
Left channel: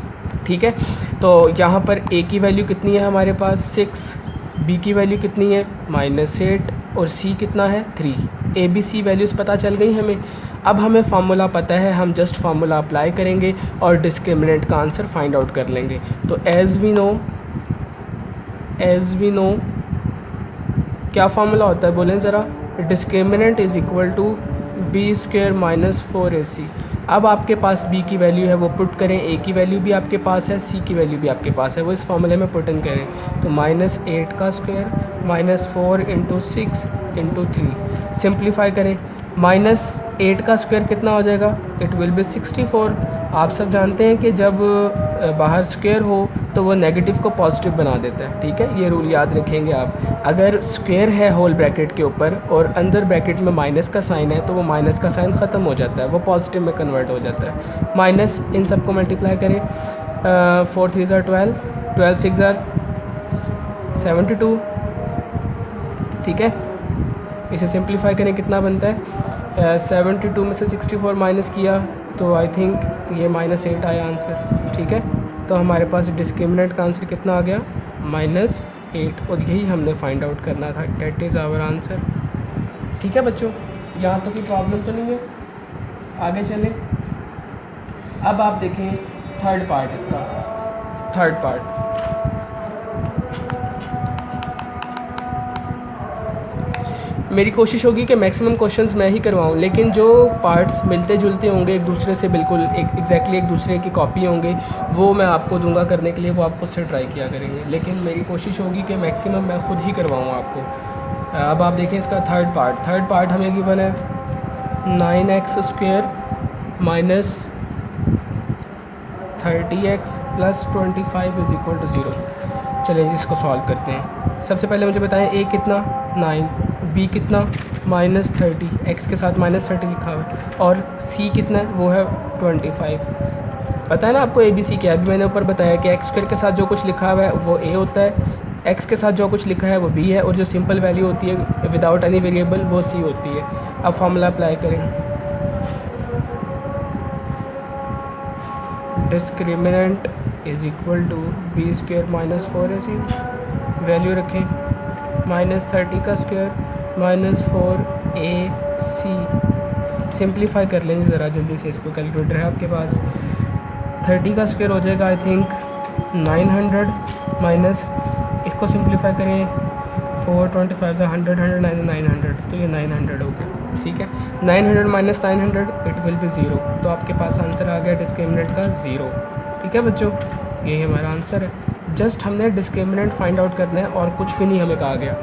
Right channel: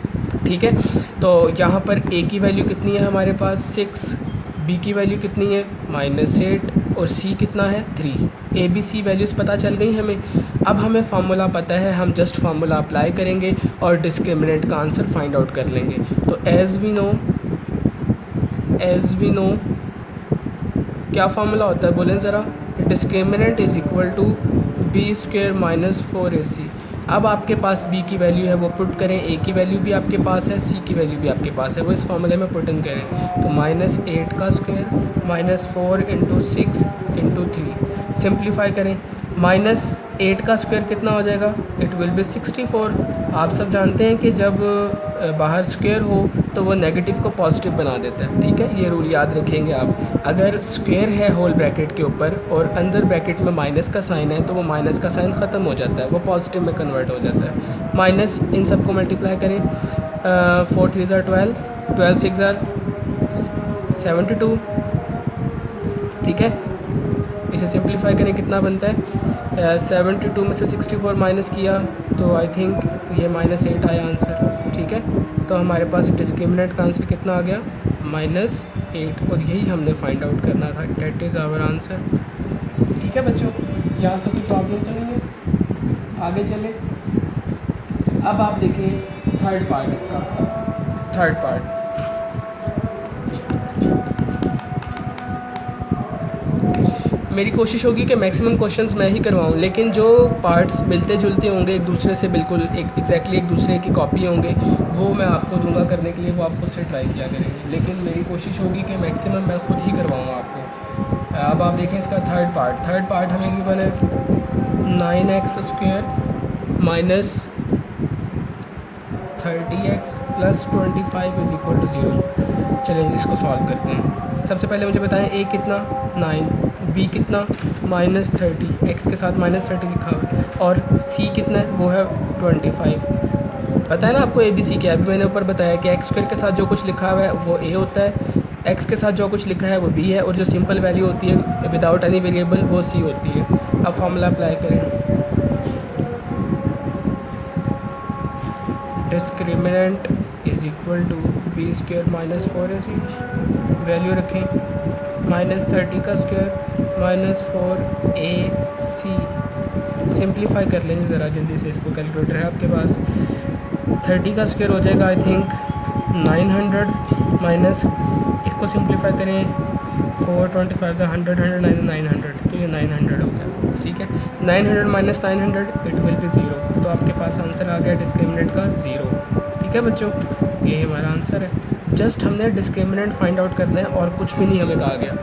ठीक है। तो यहाँ पर a की वैल्यू कितनी है हमारे पास? 6, b की वैल्यू कितनी है? -8, और c कितना है? 3। a b c वैल्यूज़ पता चल गई हमें। अब हमें फार्मूला पता है, हम जस्ट फार्मूला अप्लाई करेंगे और डिस्क्रिमिनेंट का आंसर फाइंड आउट कर लेंगे। तो एज़ वी नो क्या फार्मूला होता है बोलें ज़रा? Discriminant = b² - 4ac। अब आपके पास b की वैल्यू है वो पुट करें, a की वैल्यू भी आपके पास है, c की वैल्यू भी आपके पास है, वो इस फार्मूले में पुट इन करें। तो -8 का स्क्वायर -4 × 6 × 3 सिंप्लीफाई करें। -8 का स्क्वायर कितना हो जाएगा? It will be 64। आप सब जानते हैं कि जब बाहर स्क्वायर हो तो वो नेगेटिव को पॉजिटिव बना देता है, ठीक है। ये रूल याद रखेंगे आप। अगर स्क्वायर है होल ब्रैकेट के ऊपर और अंदर ब्रैकेट में माइनस का साइन है तो वो माइनस का साइन ख़त्म हो जाता है, वो पॉजिटिव में कन्वर्ट हो जाता है। माइनस इन सब को मल्टीप्लाई करें। 4 3 = 12, 12 6 = 72, ठीक है। इसे सिंप्लीफाई करें, कितना बनता है? 72 में से 64 माइनस किया तो आई थिंक ये -8 आया आंसर, ठीक है। तो हमारे पास डिस्क्रिमिनेंट का आंसर कितना आ गया? -8, और यही हमने फाइंड आउट करना था। डेट इज़ आवर आंसर, ठीक है बच्चों। यहाँ तो कोई प्रॉब्लम तो नहीं है? आगे चलें। अब आप देखें थर्ड पार्ट इसका। थर्ड पार्ट मेरी कोशिश होगी कि मैक्सिमम क्वेश्चंस मैं ही करवाऊँ, लेकिन जो पार्ट्स मिलते जुलते होंगे एक दूसरे से, बिल्कुल एग्जैक्टली एक दूसरे की कॉपी होंगे, वो मैं आपको दूंगा करने के लिए, वो आप खुद से ट्राई किया करेंगे। लेकिन मेरी कोशिश होगी कि मैक्सिमम मैं खुद ही करवाऊँ आपको। अब आप देखें इसका थर्ड पार्ट हमें गिवन है 9x² minus 30x plus 25 is equal to 0। चलिए इसको सॉल्व करते हैं। सबसे पहले मुझे बताएं a कितना 9, b कितना -30, x के साथ -30 लिखा हुआ है, और c कितना है वो है 25। पता है ना आपको a b c क्या है? अभी मैंने ऊपर बताया कि x² के साथ जो कुछ लिखा हुआ है वो a होता है, x के साथ जो कुछ लिखा है वो b है, और जो सिंपल वैल्यू होती है विदाउट एनी वेरिएबल वो c होती है। अब फॉर्मूला अप्लाई करें। Discriminant is equal to b² minus 4ac, value रखें -30 का स्क्वायर माइनस 4ac। सिंप्लीफाई कर लेंगे ज़रा जल्दी से, इसको कैलकुलेटर है आपके पास। 30 का स्क्वायर हो जाएगा आई थिंक 900, माइनस इसको सिंप्लीफाई करें 425 से 100 900, तो ये 900 हो गया। ठीक है, 900 माइनस 900 इट विल बी 0। तो आपके पास आंसर आ गया डिस्क्रिमिनेंट का 0। ठीक है बच्चों, ये हमारा आंसर है। जस्ट हमने डिस्क्रिमिनेंट फाइंड आउट करना है और कुछ भी नहीं हमें कहा गया।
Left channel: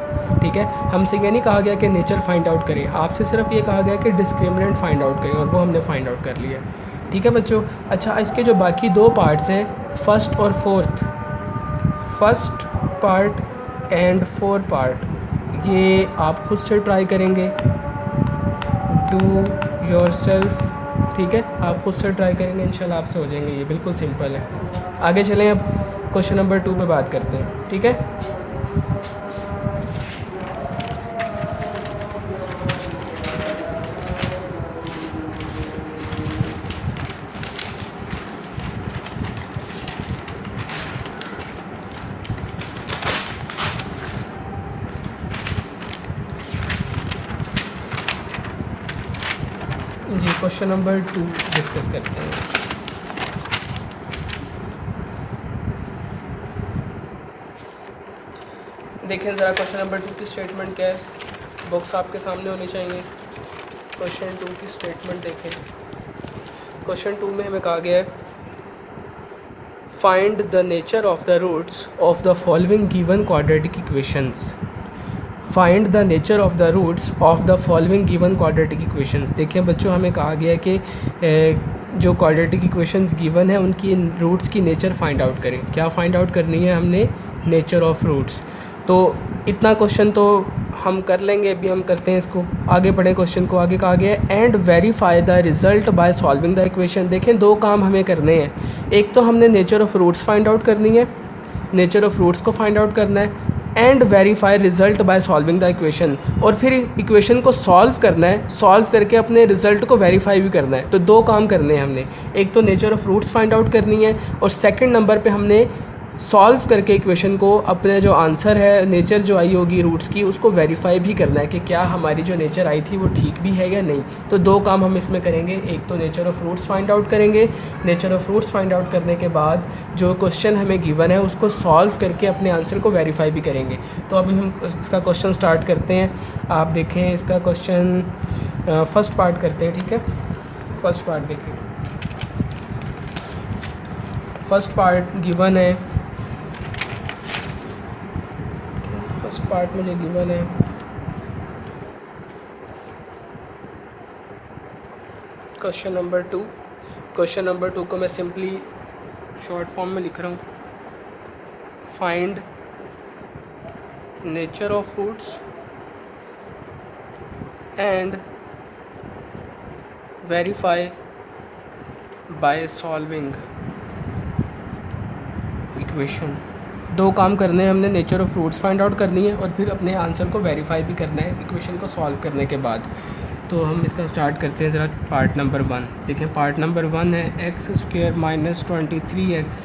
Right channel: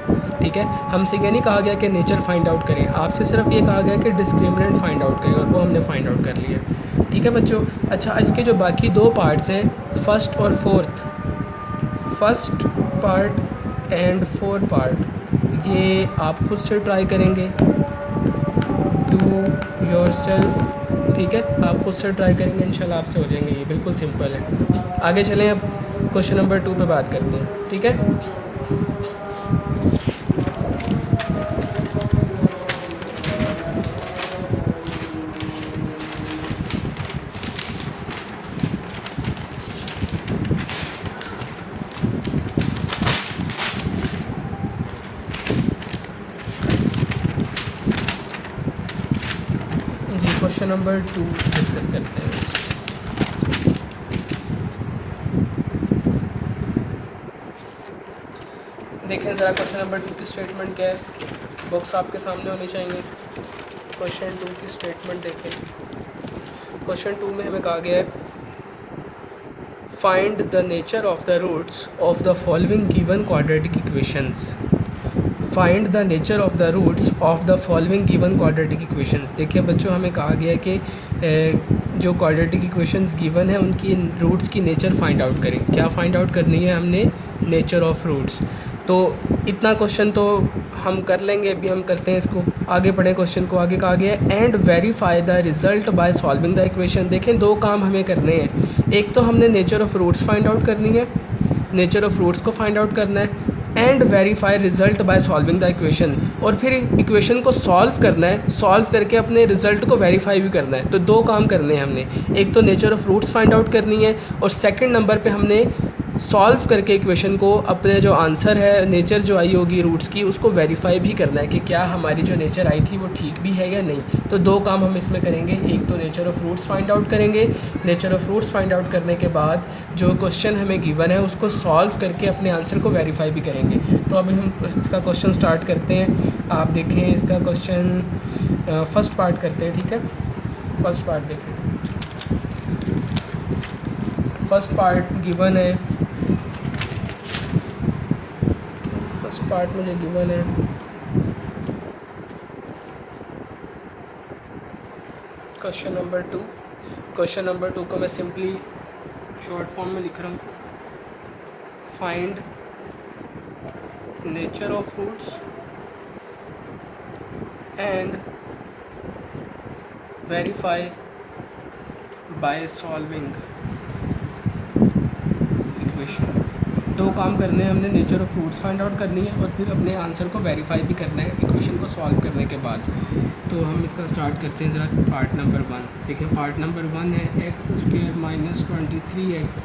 ठीक है, हमसे ये नहीं कहा गया कि नेचर फाइंड आउट करें, आपसे सिर्फ ये कहा गया कि डिस्क्रिमिनेंट फाइंड आउट करें, और वो हमने फाइंड आउट कर लिया। ठीक है बच्चों। अच्छा, इसके जो बाकी दो पार्ट्स हैं, फर्स्ट और fourth, first part and fourth part, ये आप खुद से ट्राई करेंगे, डू योर सेल्फ। ठीक है, आप खुद से ट्राई करेंगे, इंशाल्लाह आपसे हो जाएंगे, ये बिल्कुल सिंपल है। आगे चलें, अब क्वेश्चन नंबर 2 पे बात करते हैं। ठीक है, जी क्वेश्चन नंबर 2 डिस्कस करते हैं। देखें ज़रा क्वेश्चन नंबर 2 की स्टेटमेंट क्या है, बुक्स आपके सामने होनी चाहिए। क्वेश्चन 2 की स्टेटमेंट देखें। क्वेश्चन 2 में हमें कहा गया है find the nature of the roots of the following given quadratic equations. Find the nature of the roots of the following given quadratic equations. देखिए बच्चों, हमें कहा गया है कि जो क्वाड्रेटिक इक्वेशंस गिवन है उनकी रूट्स की नेचर फाइंड आउट करें। क्या फाइंड आउट करनी है हमने? Nature of roots. तो इतना क्वेश्चन तो हम कर लेंगे, अभी हम करते हैं इसको। आगे पढ़ें क्वेश्चन को। आगे कहा गया है and verify the result by solving the equation. देखें, दो काम हमें करने हैं। एक तो हमने nature of roots find out करनी है, नेचर ऑफ रूट्स को फाइंड आउट करना है, and verify result by solving the equation, और फिर इक्वेशन को सॉल्व करना है, सॉल्व करके अपने रिज़ल्ट को वेरीफाई भी करना है। तो दो काम करने हैं हमने, एक तो nature of roots find out करनी है, और सेकंड नंबर पे हमने सॉल्व करके इक्वेशन को अपने जो आंसर है, नेचर जो आई होगी रूट्स की, उसको वेरीफाई भी करना है कि क्या हमारी जो नेचर आई थी वो ठीक भी है या नहीं। तो दो काम हम इसमें करेंगे, एक तो nature of roots find out करेंगे, nature of roots find out करने के बाद जो क्वेश्चन हमें गिवन है उसको सॉल्व करके अपने आंसर को वेरीफाई भी करेंगे। तो अभी हम इसका क्वेश्चन स्टार्ट करते हैं। आप देखें इसका क्वेश्चन, फर्स्ट पार्ट करते हैं। ठीक है, फर्स्ट पार्ट देखें। फर्स्ट पार्ट गिवन है, फर्स्ट पार्ट मुझे गिवन है क्वेश्चन नंबर 2। क्वेश्चन नंबर 2 को मैं सिंपली शॉर्ट फॉर्म में लिख रहा हूँ, find nature of roots and verify by solving equation. दो काम करने हैं हमने, nature of roots find out करनी है और फिर अपने आंसर को वेरीफाई भी करना है इक्वेशन को सॉल्व करने के बाद। तो हम इसका स्टार्ट करते हैं ज़रा पार्ट नंबर 1। देखिए पार्ट नंबर 1 है x² minus 23x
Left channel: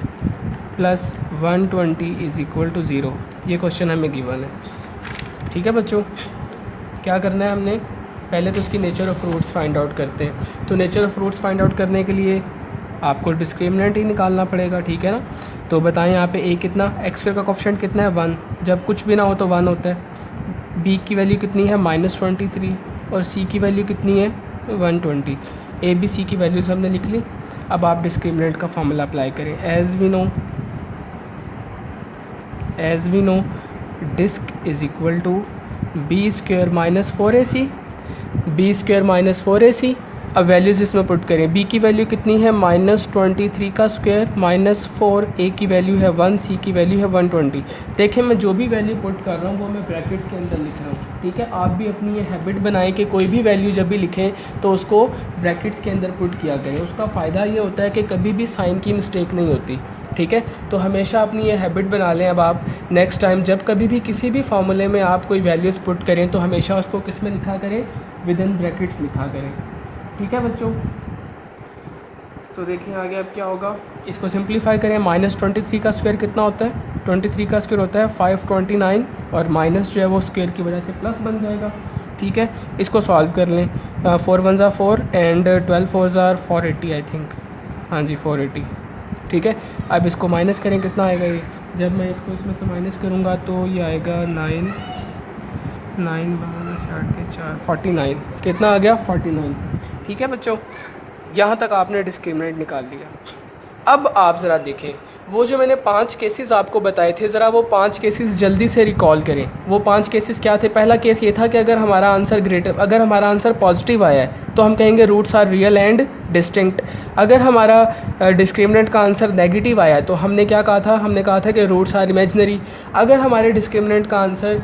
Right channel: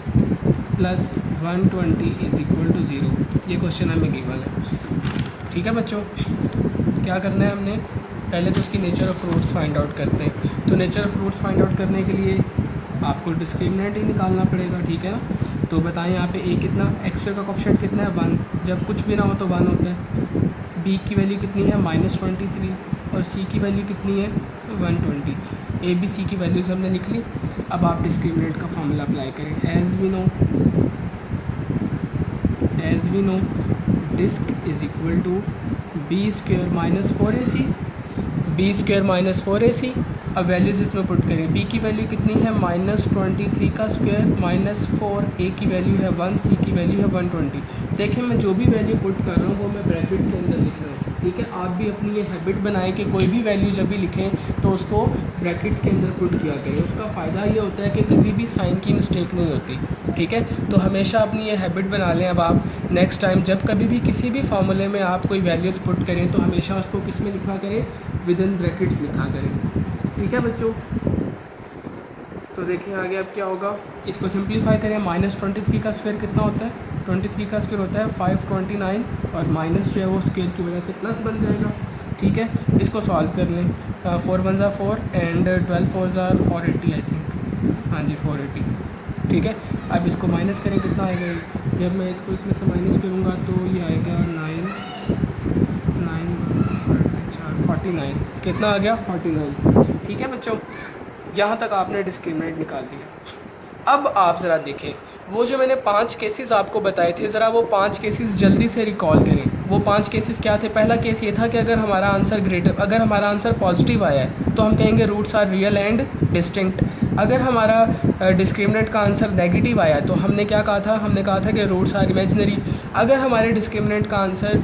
plus 120 is equal to 0। ये क्वेश्चन हमें गिवन है। ठीक है बच्चों, क्या करना है हमने? पहले तो उसकी nature of roots find out करते हैं। तो nature of roots find out करने के लिए आपको डिस्क्रिमिनेंट ही निकालना पड़ेगा। ठीक है ना? तो बताएं यहाँ पे a कितना, x² का कोफिशिएंट कितना है 1, जब कुछ भी ना हो तो 1 होता है। बी की वैल्यू कितनी है -23 और सी की वैल्यू कितनी है 120। ए बी सी की वैल्यूज़ हमने लिख ली। अब आप डिस्क्रिमिनेंट का फॉर्मूला अप्लाई करें। As we know disc is equal to B square -4ac, B square -4ac। अब वैल्यूज़ इसमें पुट करें। बी की वैल्यू कितनी है -23 का स्क्वायर -4, ए की वैल्यू है 1, सी की वैल्यू है 120। देखें मैं जो भी वैल्यू पुट कर रहा हूँ वो मैं ब्रैकेट्स के अंदर लिख रहा हूँ, ठीक है। आप भी अपनी ये हैबिट बनाएं कि कोई भी वैल्यू जब भी लिखें तो उसको ब्रैकेट्स के अंदर पुट किया करें। उसका फ़ायदा ये होता है कि कभी भी साइन की मिस्टेक नहीं होती, ठीक है। तो हमेशा अपनी ये हैबिट बना लें। अब आप नेक्स्ट टाइम जब कभी भी किसी भी फार्मूले में आप कोई वैल्यूज़ पुट करें तो हमेशा उसको किस में लिखा करें, विद इन ब्रैकेट्स लिखा करें, ठीक है बच्चों। तो देखिए आगे अब क्या होगा, इसको सिंप्लीफाई करें। -23 का स्क्वायर कितना होता है, 23 का स्क्वायर होता है 529 और माइनस जो है वो स्क्वायर की वजह से प्लस बन जाएगा, ठीक है। इसको सॉल्व कर लें। 4 1 ज़ा 4 एंड 12 4 ज़ा 480 आई थिंक, हाँ जी 480, ठीक है। अब इसको माइनस करें, कितना आएगा ये, जब मैं इसको इसमें से माइनस करूँगा तो ये आएगा 49, कितना आ गया 49, ठीक है बच्चों। यहाँ तक आपने डिस्क्रिमिनेंट निकाल दिया। अब आप ज़रा देखें वो जो मैंने 5 केसेस आपको बताए थे, ज़रा वो 5 केसेस जल्दी से रिकॉल करें। वो 5 केसेस क्या थे। पहला केस ये था कि अगर हमारा आंसर पॉजिटिव आया है तो हम कहेंगे roots are real and distinct. अगर हमारा डिस्क्रिमिनेंट का आंसर नेगेटिव आया है तो हमने क्या कहा था, हमने कहा था कि रूट्स आर इमेजिनरी। अगर हमारे डिस्क्रिमिनेंट का आंसर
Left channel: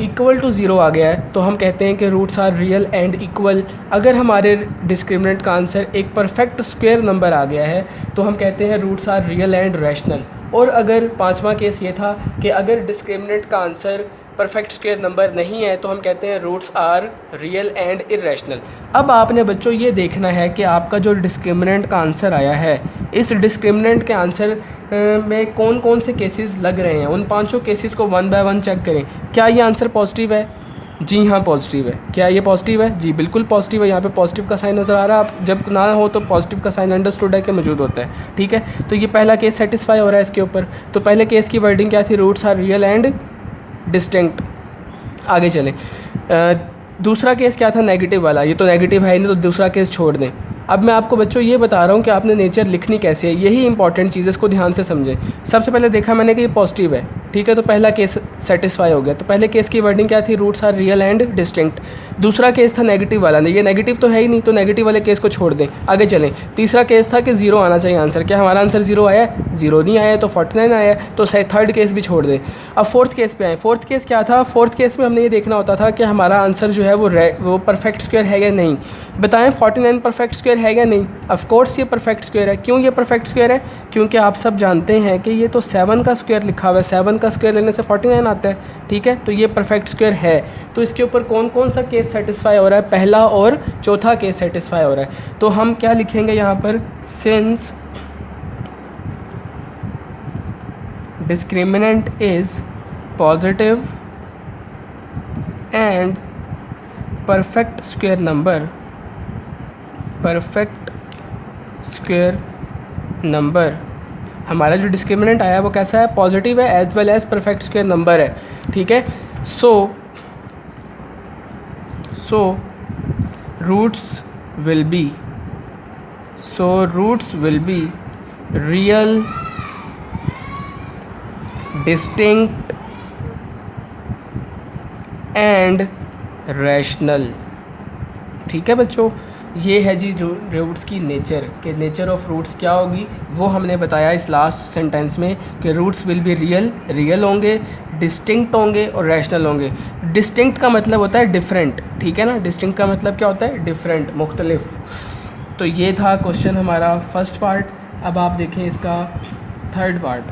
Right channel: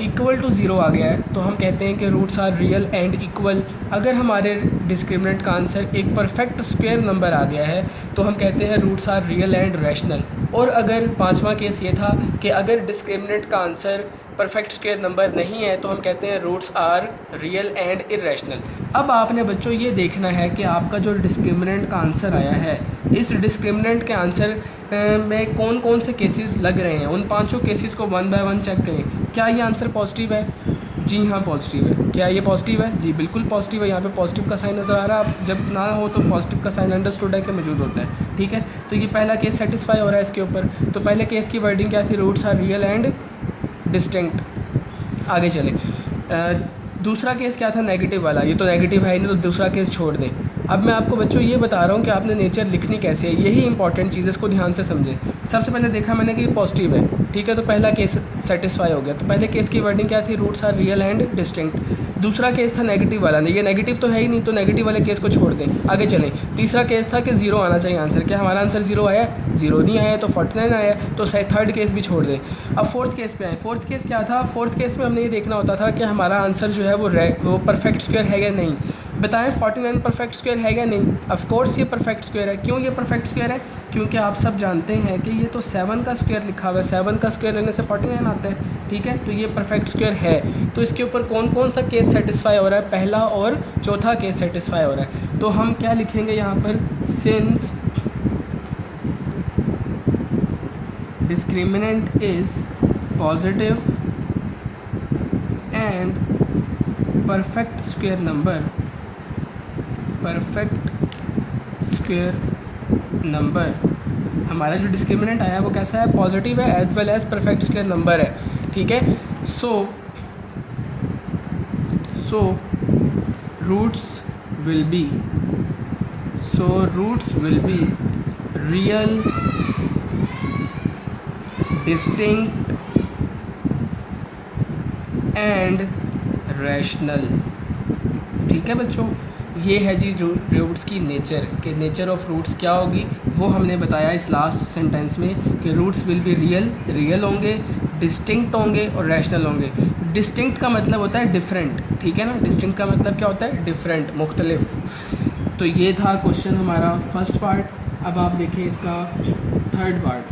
इक्वल टू 0 आ गया है तो हम कहते हैं कि roots are real and equal. अगर हमारे डिस्क्रिमिनेंट का आंसर एक परफेक्ट स्क्वायर नंबर आ गया है तो हम कहते हैं roots are real and rational. और अगर पांचवा केस ये था कि अगर डिस्क्रिमिनेंट का आंसर परफेक्ट स्क्वायर नंबर नहीं है तो हम कहते हैं roots are real and irrational. अब आपने बच्चों ये देखना है कि आपका जो डिस्क्रिमिनेंट का आंसर आया है, इस डिस्क्रिमिनेंट के आंसर में कौन कौन से केसेस लग रहे हैं। उन पांचों केसेस को 1 बाय 1 चेक करें। क्या ये आंसर पॉजिटिव है? जी हाँ पॉजिटिव है। क्या ये पॉजिटिव है? जी बिल्कुल पॉजिटिव है। यहाँ पे पॉजिटिव का साइन नज़र आ रहा है। आप जब ना हो तो पॉजिटिव का साइन अंडरस्टूड है कि मौजूद होता है, ठीक है। तो ये पहला केस सेटिस्फाई हो रहा है इसके ऊपर। तो पहले केस की वर्डिंग क्या थी, roots are real and distinct. आगे चलें। दूसरा केस क्या था, नेगेटिव वाला। ये तो नेगेटिव है नहीं तो दूसरा केस छोड़ दें। अब मैं आपको बच्चों ये बता रहा हूँ कि आपने नेचर लिखनी कैसे है, यही इंपॉर्टेंट चीज़ है, इसको ध्यान से समझें। सबसे पहले देखा मैंने कि ये पॉजिटिव है, ठीक है, तो पहला केस सेटिस्फाई हो गया। तो पहले केस की वर्डिंग क्या थी, roots are real and distinct. दूसरा केस था नेगेटिव वाला, ये नेगेटिव तो है ही नहीं तो नेगेटिव वाले केस को छोड़ दें। आगे चलें। तीसरा केस था कि 0 आना चाहिए आंसर। क्या हमारा आंसर 0 आया? 0 नहीं आया तो 49 आया, तो थर्ड केस भी छोड़ दें। अब फोर्थ केस पे आए। फोर्थ केस क्या था, फोर्थ केस में हमने ये देखना होता था कि हमारा आंसर जो है वो परफेक्ट स्क्वायर है या नहीं। बताएं 49 परफेक्ट स्क्वायर है या नहीं। ऑफ कोर्स ये परफेक्ट स्क्वायर है। क्यों ये परफेक्ट स्क्वायर है? क्योंकि आप सब जानते हैं कि ये तो 7 का स्क्वायर लिखा हुआ है, 7 का स्क्वायर लेने से 49 आता है, ठीक है। तो ये परफेक्ट स्क्वायर है। तो इसके ऊपर कौन कौन सा केस सेटिस्फाई हो रहा है, पहला और चौथा केस सेटिस्फाई हो रहा है। तो हम क्या लिखेंगे यहाँ पर, since discriminant is positive and perfect square number, हमारा जो डिस्क्रिमिनेंट आया है वो कैसा है, पॉजिटिव है as well as perfect square number है, ठीक है। So roots will be real, distinct and rational, ठीक है बच्चों। ये है जी रूट्स की नेचर, कि नेचर ऑफ रूट्स क्या होगी वो हमने बताया इस लास्ट सेंटेंस में, कि रूट्स विल बी रियल होंगे, डिस्टिंक्ट होंगे और रैशनल होंगे। डिस्टिंक्ट का मतलब होता है डिफरेंट, ठीक है ना। डिस्टिंक्ट का मतलब क्या होता है, डिफरेंट, मुख्तलिफ। तो ये था क्वेश्चन हमारा फर्स्ट पार्ट। अब आप देखें इसका थर्ड पार्ट।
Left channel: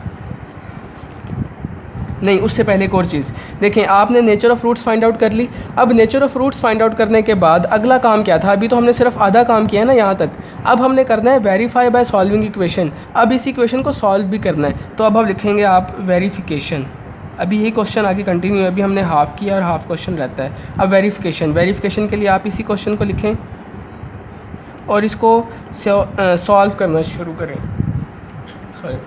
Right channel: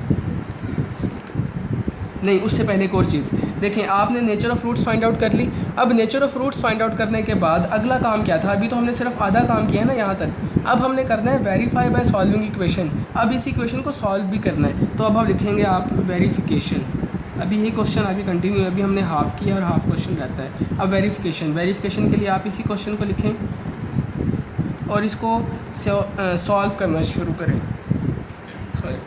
नहीं, उससे पहले एक और चीज़ देखें। आपने nature of roots find out कर ली। अब nature of roots find out करने के बाद अगला काम क्या था, अभी तो हमने सिर्फ आधा काम किया है ना यहाँ तक। अब हमने करना है वेरीफाई बाय सॉल्विंग इक्वेशन। अब इस इक्वेशन को सॉल्व भी करना है, तो अब हम लिखेंगे आप वेरीफिकेशन। अभी यही क्वेश्चन आगे कंटिन्यू, अभी हमने हाफ़ किया और हाफ़ क्वेश्चन रहता है। अब वेरीफिकेशन के लिए आप इसी क्वेश्चन को लिखें और इसको सॉल्व करना शुरू करें। सॉरी,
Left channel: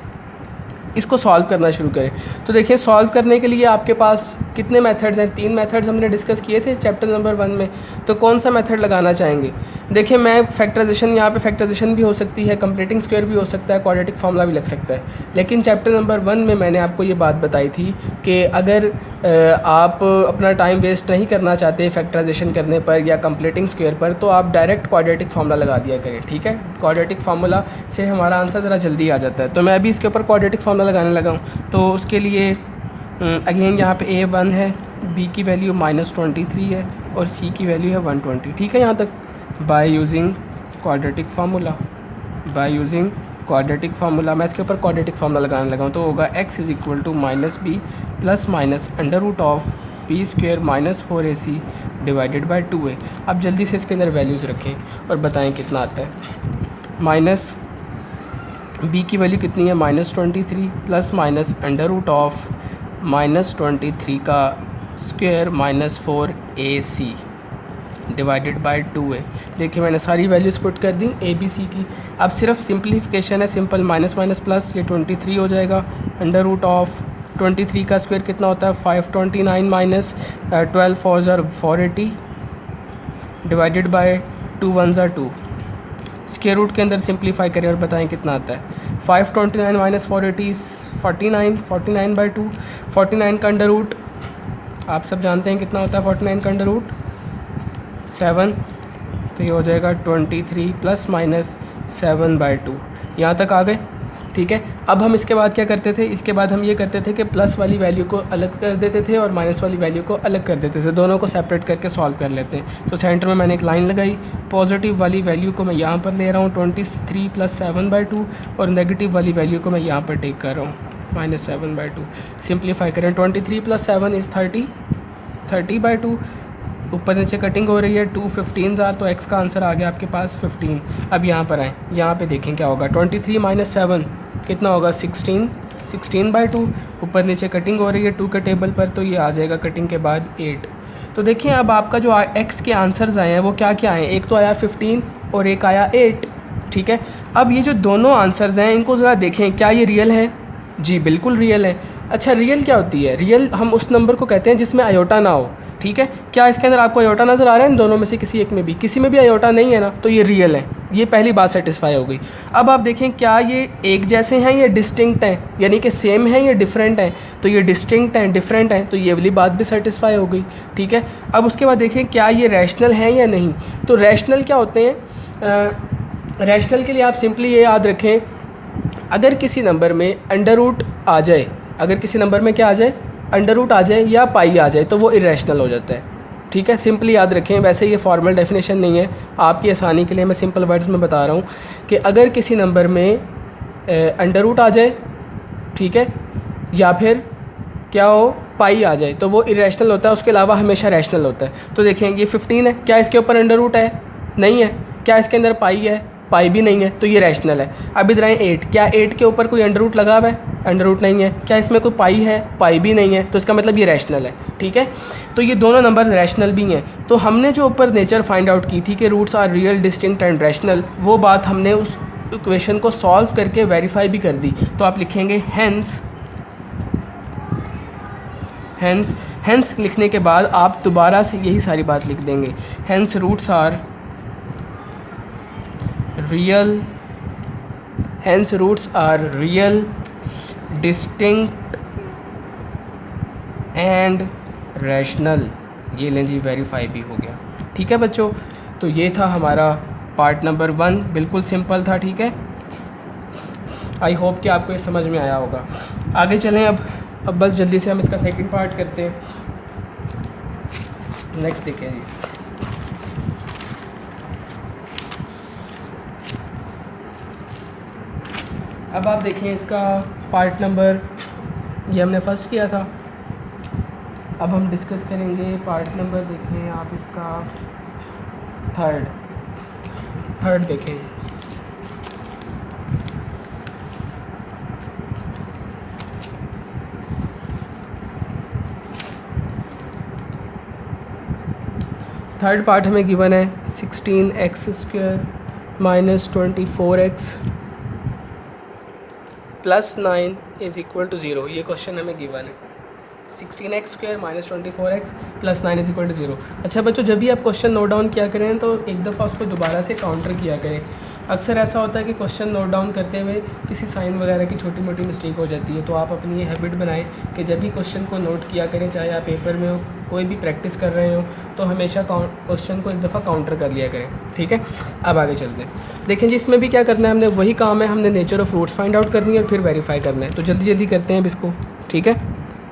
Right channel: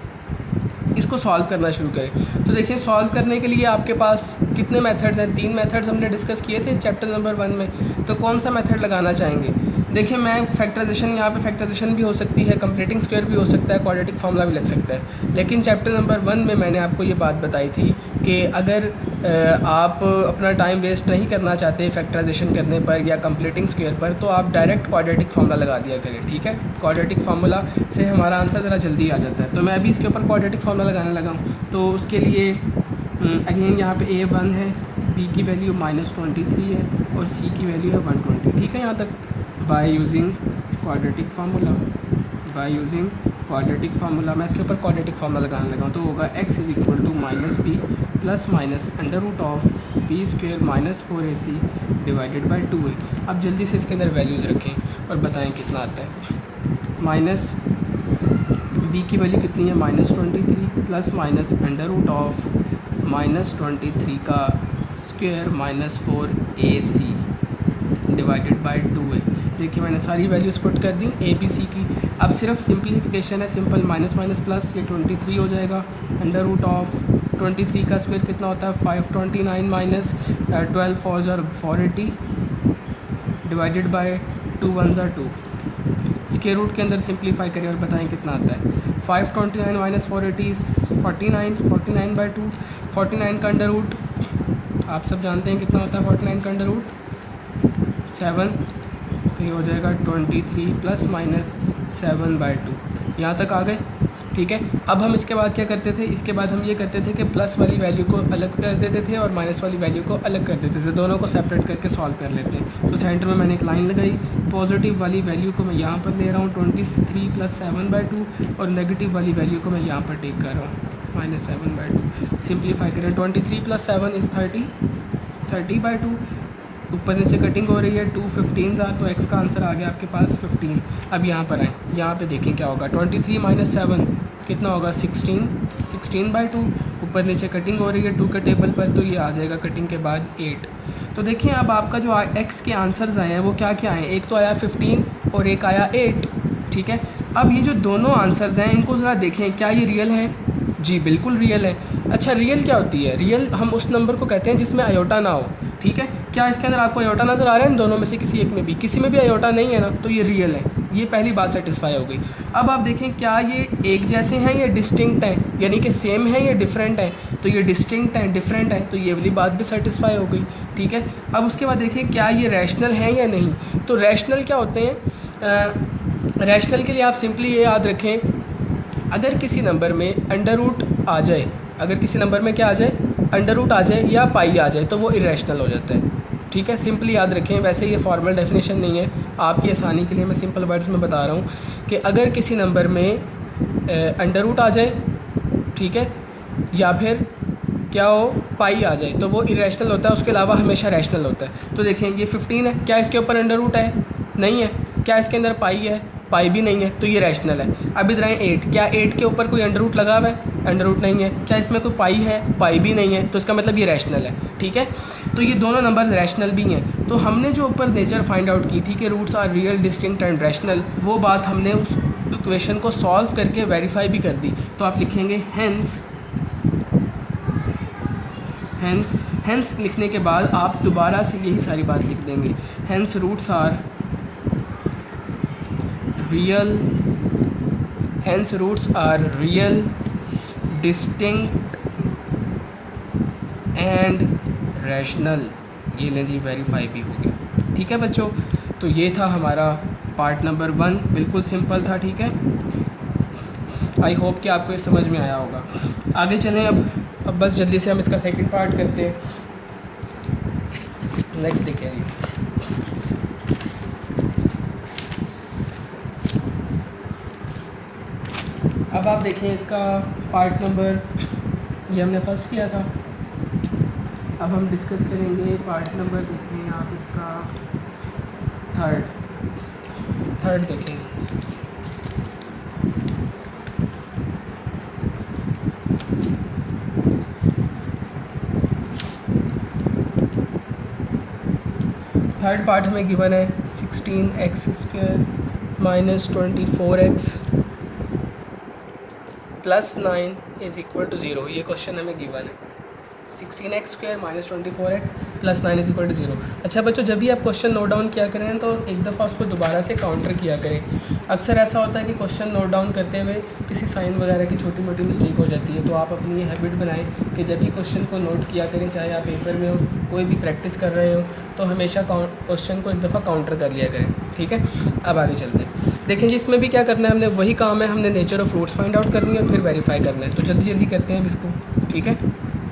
इसको सॉल्व करना शुरू करें। तो देखिए सॉल्व करने के लिए आपके पास कितने मेथड्स हैं, 3 मेथड्स हमने डिस्कस किए थे चैप्टर नंबर 1 में। तो कौन सा मेथड लगाना चाहेंगे? देखिए मैं फैक्टराइजेशन, यहाँ पे फैक्टराइजेशन भी हो सकती है, कंप्लीटिंग स्क्वायर भी हो सकता है, क्वाड्रेटिक फार्मूला भी लग सकता है। लेकिन चैप्टर नंबर 1 में मैंने आपको ये बात बताई थी कि अगर आप अपना टाइम वेस्ट नहीं करना चाहते फैक्टराइजेशन करने पर या कंप्लीटिंग स्क्वायर पर, तो आप डायरेक्ट क्वाड्रेटिक फार्मूला लगा दिया करें, ठीक है। क्वाड्रेटिक फार्मूला से हमारा आंसर ज़रा जल्दी आ जाता है। तो मैं अभी इसके ऊपर क्वाड्रेटिक फार्मूला लगाने लगा हूँ। तो उसके लिए अगेन यहाँ पे A1 है, B की वैल्यू -23 है और C की वैल्यू है 120, ठीक है यहाँ तक। बाय यूजिंग क्वाड्रेटिक फार्मूला मैं इसके ऊपर क्वाड्रेटिक फार्मूला लगाने लगा हूँ। तो होगा x = -b plus minus √b² -4ac divided by 2a। अब जल्दी से इसके अंदर वैल्यूज़ रखें और बताएं कितना आता है। माइनस b की वैल्यू कितनी है, -23 प्लस माइनस √-23 का square -4ac divided by 2a। देखिए मैंने सारी वैल्यूज़ पुट कर दी a b c की। अब सिर्फ सिंप्लीफिकेशन है, सिंपल माइनस माइनस प्लस, ये 23 हो जाएगा। √23 का स्क्वायर कितना होता है, 529 minus 12 4 480 divided by 2 1 2। Square root के अंदर सिंप्लीफाई करें और बताएं कितना आता है। 529 माइनस 480 49 बाई 2। 49 का अंडर रूट आप सब जानते हैं कितना होता है, 49 का अंडर रूट 7। तो ये हो जाएगा 23 प्लस माइनस 7/2। यहाँ तक आ गए, ठीक है। अब हम इसके बाद क्या करते थे, इसके बाद हम ये करते थे कि प्लस वाली वैल्यू को अलग कर देते थे और माइनस वाली वैल्यू को अलग कर देते थे, दोनों को सेपरेट करके सॉल्व कर लेते हैं। तो सेंटर में मैंने एक लाइन लगाई, पॉजिटिव वाली वैल्यू को मैं यहाँ पर ले रहा हूँ 23 प्लस 7/2 और नेगेटिव वाली वैल्यू को मैं यहाँ पर टेक कर रहा हूँ -7/2। सिंप्लीफाई करें, 23 प्लस 7 इज़ 30/2। ऊपर नीचे कटिंग हो रही है, 2 15 आर, तो x का आंसर आ गया आपके पास 15। अब यहाँ पर आएँ, यहाँ पे देखें क्या होगा, 23 माइनस 7 कितना होगा, 16/2। ऊपर नीचे कटिंग हो रही है 2 के टेबल पर, तो ये आ जाएगा कटिंग के बाद 8। तो देखिए अब आपका जो x के आंसर्स आए हैं वो क्या क्या आए, एक तो आया 15 और एक आया 8, ठीक है। अब ये जो दोनों आंसर्स हैं इनको ज़रा देखें, क्या ये रियल है? जी बिल्कुल रियल है। अच्छा रियल क्या होती है? रियल हम उस नंबर को कहते हैं जिसमें आयोटा ना हो, ठीक है। क्या इसके अंदर आपको आयोटा नज़र आ रहा है इन दोनों में से किसी एक में भी? किसी में भी आयोटा नहीं है ना, तो ये रियल है। ये पहली बात सेटिस्फाई हो गई। अब आप देखें क्या ये एक जैसे हैं या डिस्टिंक्ट हैं, यानी कि सेम हैं या डिफरेंट हैं। तो ये डिस्टिंक्ट हैं, डिफरेंट हैं, तो ये वाली बात भी सेटिस्फाई हो गई, ठीक है। अब उसके बाद देखें क्या ये रैशनल हैं या नहीं। तो रैशनल क्या होते हैं? रैशनल के लिए आप सिंपली ये याद रखें, अगर किसी नंबर में अंडर रूट आ जाए, अगर किसी नंबर में क्या आ जाए, अंडर रूट आ जाए या पाई आ जाए, तो वो इरेशनल हो जाता है, ठीक है। सिंपली याद रखें, वैसे ये फॉर्मल डेफिनेशन नहीं है, आपकी आसानी के लिए मैं सिंपल वर्ड्स में बता रहा हूँ कि अगर किसी नंबर में अंडर रूट आ जाए, ठीक है, या फिर क्या हो, पाई आ जाए, तो वो इरेशनल होता है, उसके अलावा हमेशा रैशनल होता है। तो देखें ये 15 है, क्या इसके ऊपर अंडर रूट है? नहीं है। क्या इसके अंदर पाई है? पाई भी नहीं है, तो ये रैशनल है। अब इधर आए 8, क्या 8 के ऊपर कोई अंडर रूट लगा हुआ है? अंडर रूट नहीं है। क्या इसमें कोई पाई है? पाई भी नहीं है, तो इसका मतलब ये रैशनल है, ठीक है। तो ये दोनों नंबर रैशनल भी हैं। तो हमने जो ऊपर नेचर फाइंड आउट की थी कि roots are real, distinct and rational, वो बात हमने उस इक्वेशन को सॉल्व करके वेरीफाई भी कर दी। तो आप लिखेंगे हेंस लिखने के बाद आप दोबारा से यही सारी बात लिख देंगे, hence roots are real, distinct and rational. ये लें जी, वेरीफाई भी हो गया, ठीक है बच्चों। तो ये था हमारा पार्ट नंबर 1, बिल्कुल सिंपल था, ठीक है। आई होप कि आपको ये समझ में आया होगा। आगे चलें अब बस जल्दी से हम इसका सेकंड पार्ट करते हैं। नेक्स्ट देखें जी, अब आप देखें इसका पार्ट नंबर, ये हमने फर्स्ट किया था, अब हम डिस्कस करेंगे पार्ट नंबर, देखें आप इसका थर्ड देखें। थर्ड पार्ट हमें गिवन है 16x² - 24x plus 9 is equal to 0। ये क्वेश्चन हमें गिवन है 16x² minus 24x plus 9 is equal to 0। अच्छा बच्चों, जब भी आप क्वेश्चन नोट डाउन किया करें तो एक दफ़ा उसको दोबारा से काउंटर किया करें। अक्सर ऐसा होता है कि क्वेश्चन नोट डाउन करते हुए किसी साइन वगैरह की छोटी मोटी मिस्टेक हो जाती है, तो आप अपनी ये हैबिट बनाएं कि जब भी क्वेश्चन को नोट किया करें, चाहे आप पेपर में हो, कोई भी प्रैक्टिस कर रहे हो, तो हमेशा क्वेश्चन को एक दफ़ा काउंटर कर लिया करें। ठीक है, अब आगे चलते हैं। देखें जी, इसमें भी क्या करना है, हमने वही काम है, हमने nature of fruits find out करनी है और फिर वेरीफाई करना है। तो जल्दी जल्दी करते हैं अब इसको। ठीक है,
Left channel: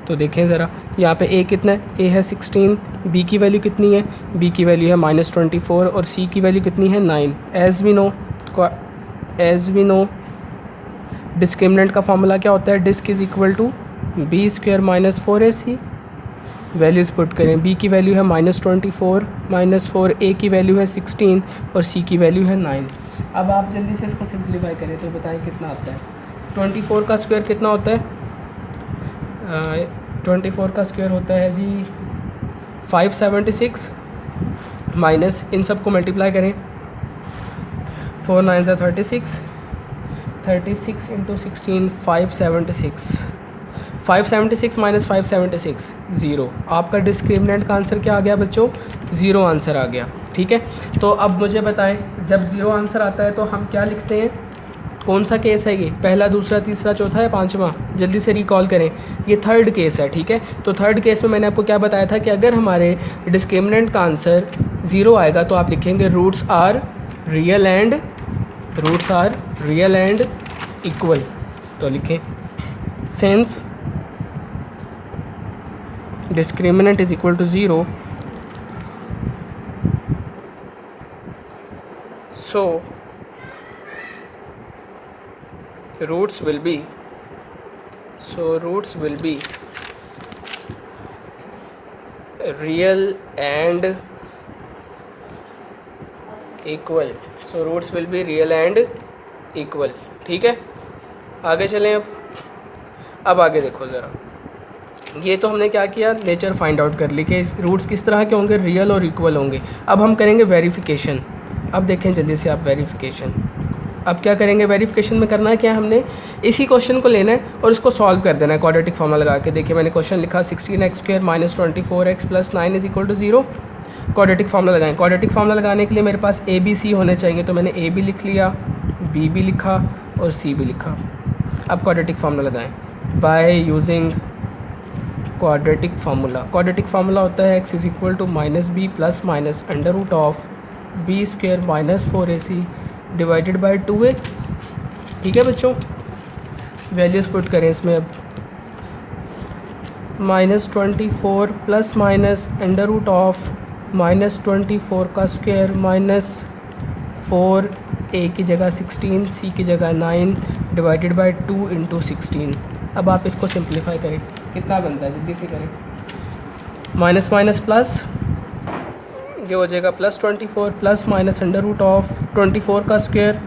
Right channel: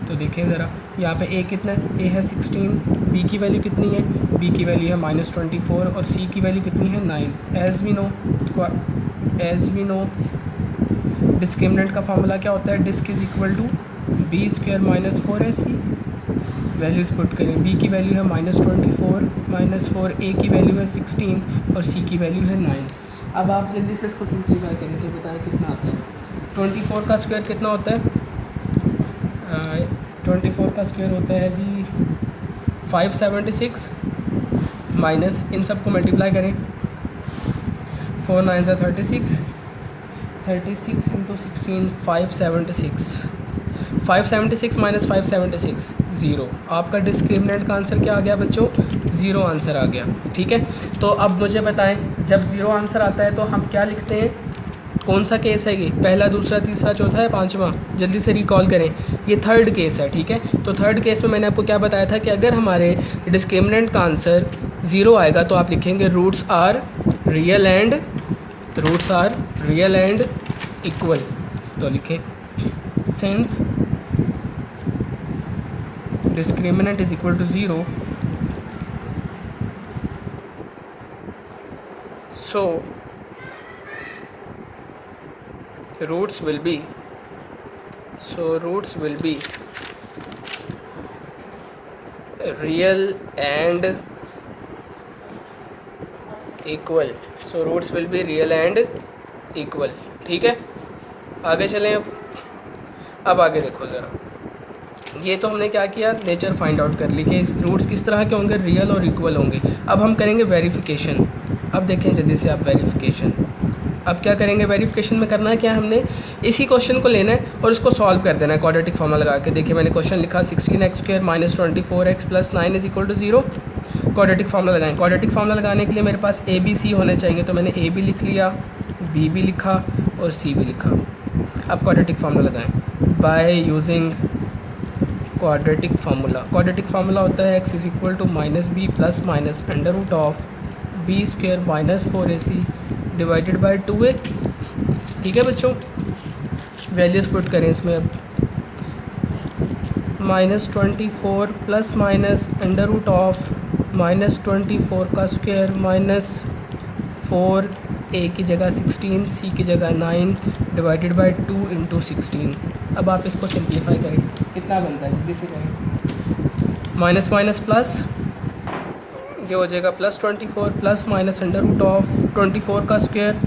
तो देखें ज़रा, यहाँ पे a कितना है, a है 16, b की वैल्यू कितनी है, b की वैल्यू है -24 और c की वैल्यू कितनी है 9। एज़ वी नो डिस्क्रिमिनेंट का फॉर्मूला क्या होता है, disc is equal to b² minus 4ac। Values put करें, b की वैल्यू है -24 -4, a की वैल्यू है 16 और c की वैल्यू है 9। अब आप जल्दी से इसको सिंप्लीफाई करें तो बताएं कितना आता है। 24 का स्क्वायर कितना होता है, 24 का स्क्वायर होता है जी 576 माइनस, इन सब को मल्टीप्लाई करें, 4 9 ज़ा 36, 36 इंटू 16 576 माइनस 576 ज़ीरो। आपका डिस्क्रिमिनेंट का आंसर क्या आ गया बच्चों, ज़ीरो आंसर आ गया। ठीक है, तो अब मुझे बताएं, जब ज़ीरो आंसर आता है तो हम क्या लिखते हैं, कौन सा केस है ये, पहला, दूसरा, तीसरा, चौथा या पांचवा, जल्दी से रिकॉल करें। ये थर्ड केस है। ठीक है, तो थर्ड केस में मैंने आपको क्या बताया था कि अगर हमारे डिस्क्रिमिनेंट का आंसर ज़ीरो आएगा तो आप लिखेंगे roots are real and equal. तो लिखें since discriminant is equal to 0, so roots will be real and equal। ठीक है, आगे चलें। अब आगे देखो ज़रा, ये तो हमने क्या किया, नेचर फाइंड आउट कर ली कि रूट्स किस तरह के होंगे, रियल और इक्वल होंगे। अब हम करेंगे वेरिफिकेशन। अब देखें जल्दी से आप वेरिफिकेशन। अब क्या करेंगे, वेरिफिकेशन में करना है क्या, हमने इसी क्वेश्चन को लेना है और उसको सॉल्व कर देना है क्वाड्रेटिक फॉर्मूला लगा के। देखिए मैंने क्वेश्चन लिखा 16x² minus 24x plus 9 is equal to 0। Quadratic formula लगाएं। क्वाड्रेटिक फार्मूला लगाने के लिए मेरे पास a b c होने चाहिए, तो मैंने a भी लिख लिया, b भी लिखा और c भी लिखा। अब क्वाड्रेटिक फार्मूला लगाएं बाय यूजिंग क्वाड्रेटिक फार्मूला होता है x is equal to -b plus minus under root of b² minus 4ac divided by 2a। ठीक है बच्चों, वैल्यूज़ पुट करें इसमें। अब -24 plus minus under root of -24 का स्क्वायर माइनस 4, a की जगह 16, c की जगह 9 डिवाइडेड बाय 2 इंटू 16। अब आप इसको सिंप्लीफाई करें, कितना बनता है, जल्दी से करें। माइनस माइनस प्लस, ये हो जाएगा +24 plus minus under root of 24 का स्क्वायर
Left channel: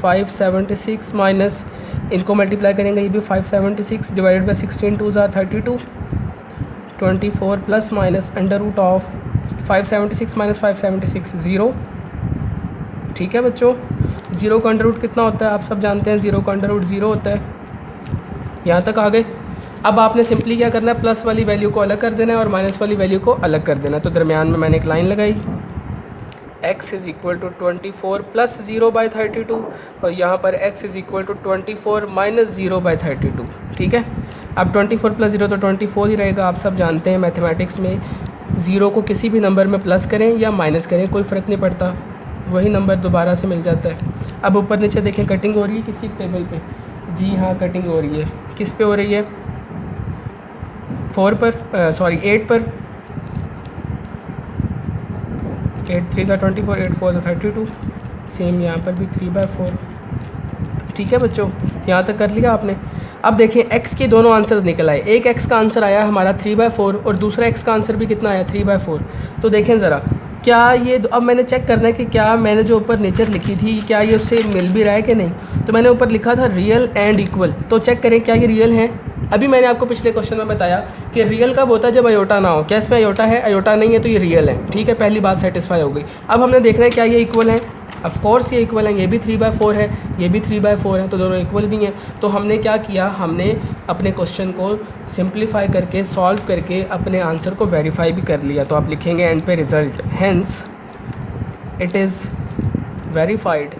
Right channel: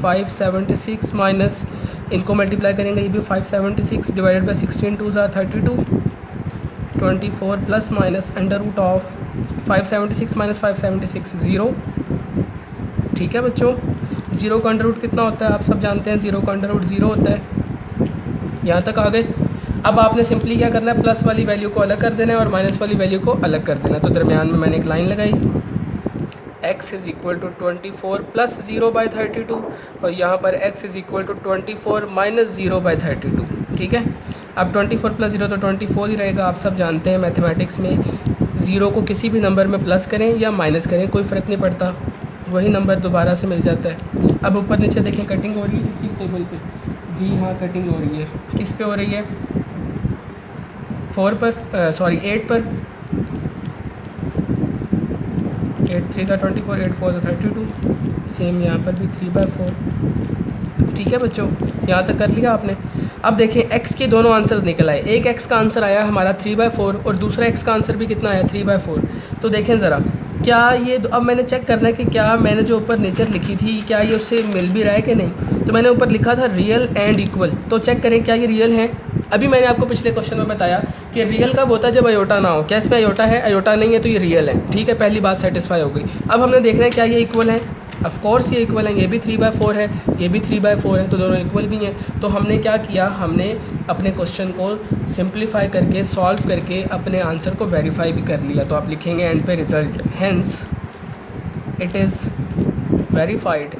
576 माइनस, इनको मल्टीप्लाई करेंगे, ये भी 576 डिवाइडेड बाई 16 2 ज़ा 32, 24 plus minus under root of 576 minus 576 zero. ठीक है बच्चों, ज़ीरो का अंडर रूट कितना होता है, आप सब जानते हैं, ज़ीरो का अंडर रूट 0 होता है। यहाँ तक आ गए। अब आपने सिंपली क्या करना है, प्लस वाली वैल्यू को अलग कर देना है और माइनस वाली वैल्यू को अलग कर देना है। तो दरमियान में मैंने एक लाइन लगाई, x is equal to 24 plus 0 by 32 और यहाँ पर x is equal to 24 minus 0 by 32। ठीक है, अब 24 प्लस 0 तो 24 ही रहेगा। आप सब जानते हैं मैथमेटिक्स में 0 को किसी भी नंबर में प्लस करें या माइनस करें कोई फ़र्क नहीं पड़ता, वही नंबर दोबारा से मिल जाता है। अब ऊपर नीचे देखें, कटिंग हो रही है किसी टेबल पे, जी हाँ कटिंग हो रही है। किस पे हो रही है, 8 पर, 8 3 ज़ा 24, 8 4 ज़ा 32, सेम यहाँ पर भी 3/4। ठीक है बच्चों, यहाँ तक कर लिया आपने। अब देखें x के दोनों आंसर्स निकल आए, एक x का आंसर आया हमारा 3/4 और दूसरा x का आंसर भी कितना आया 3/4। तो देखें ज़रा, क्या ये अब मैंने चेक करना है कि क्या मैंने जो ऊपर नेचर लिखी थी क्या ये उससे मिल भी रहा है कि नहीं। तो मैंने ऊपर लिखा था रियल एंड इक्वल, तो चेक करें क्या ये रियल है। अभी मैंने आपको पिछले क्वेश्चन में बताया कि रियल कब होता है, जब अयोटा ना हो। क्या इसमें अयोटा है, अयोटा नहीं है तो ये रियल है। ठीक है, पहली बात सेटिस्फाई हो गई। अब हमने देखना है क्या ये इक्वल है। ऑफ कोर्स ये इक्वल हैं, ये भी 3/4 है, ये भी 3/4 है, तो दोनों इक्वल भी हैं। तो हमने क्या किया, हमने अपने क्वेश्चन को सिंप्लीफाई करके सॉल्व करके अपने आंसर को वेरीफाई भी कर लिया। तो आप लिखेंगे एंड पे result, hence it is verified,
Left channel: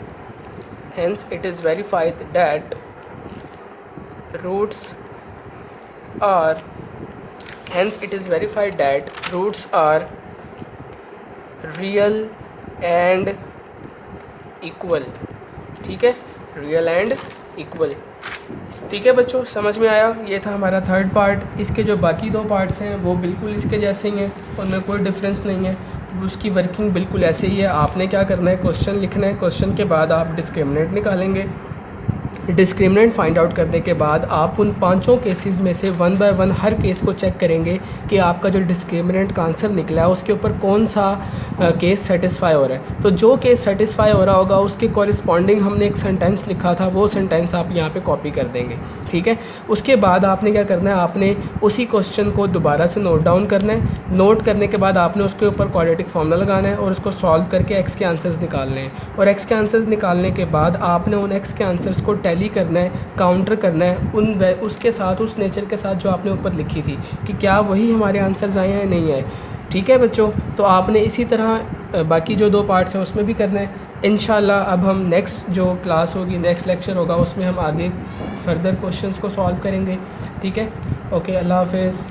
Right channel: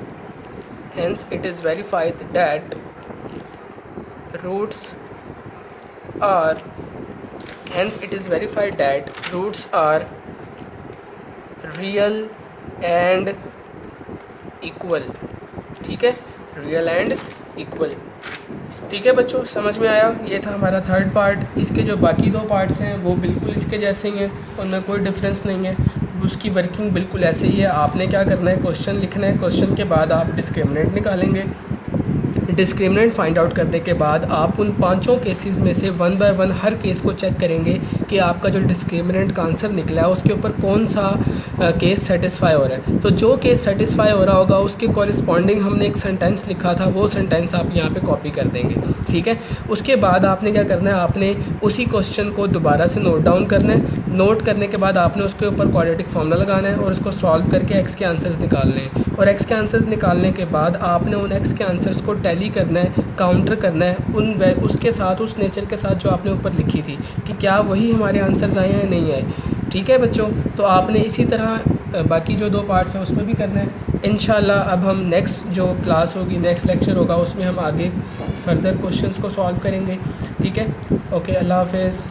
hence it is verified that roots are, hence it is verified that roots are real and equal। ठीक है, रियल एंड इक्वल। ठीक है बच्चों, समझ में आया। ये था हमारा थर्ड पार्ट। इसके जो बाकी 2 पार्ट्स हैं वो बिल्कुल इसके जैसे ही हैं, उनमें कोई डिफरेंस नहीं है, उसकी वर्किंग बिल्कुल ऐसे ही है। आपने क्या करना है, क्वेश्चन लिखना है, क्वेश्चन के बाद आप डिस्क्रिमिनेंट निकालेंगे। डिस्क्रिमिनेंट फाइंड आउट करने के बाद आप उन 5 केसेस में से 1 बाय 1 हर केस को चेक करेंगे कि आपका जो डिस्क्रिमिनेंट का आंसर निकला है उसके ऊपर कौन सा केस सेटिस्फाई हो रहा है। तो जो केस सेटिस्फाई हो रहा होगा उसके कॉरिस्पॉन्डिंग हमने एक सेंटेंस लिखा था, वो सेंटेंस आप यहाँ पे कॉपी कर देंगे। ठीक है, उसके बाद आपने क्या करना है, आपने उसी क्वेश्चन को दोबारा से नोट डाउन करना है। नोट करने के बाद आपने उसके ऊपर क्वाड्रेटिक फार्मूला लगाना है और उसको सॉल्व करके एक्स के आंसर्स निकालने हैं। और एक्स के आंसर्स निकालने के बाद आपने उन एक्स के आंसर्स को टैली करना है, काउंटर करना है उसके साथ, उस नेचर के साथ जो आपने ऊपर लिखी थी कि क्या वही हमारे आंसर्स आए हैं या नहीं आए। ठीक है बच्चों, तो आपने इसी तरह बाकी जो 2 पार्ट्स हैं उसमें भी करना है। इंशाल्लाह अब हम नेक्स्ट जो क्लास होगी, नेक्स्ट लेक्चर होगा, उसमें हम आगे फर्दर क्वेश्चंस को सॉल्व करेंगे। ठीक है, ओके, अल्लाह हाफ़िज़।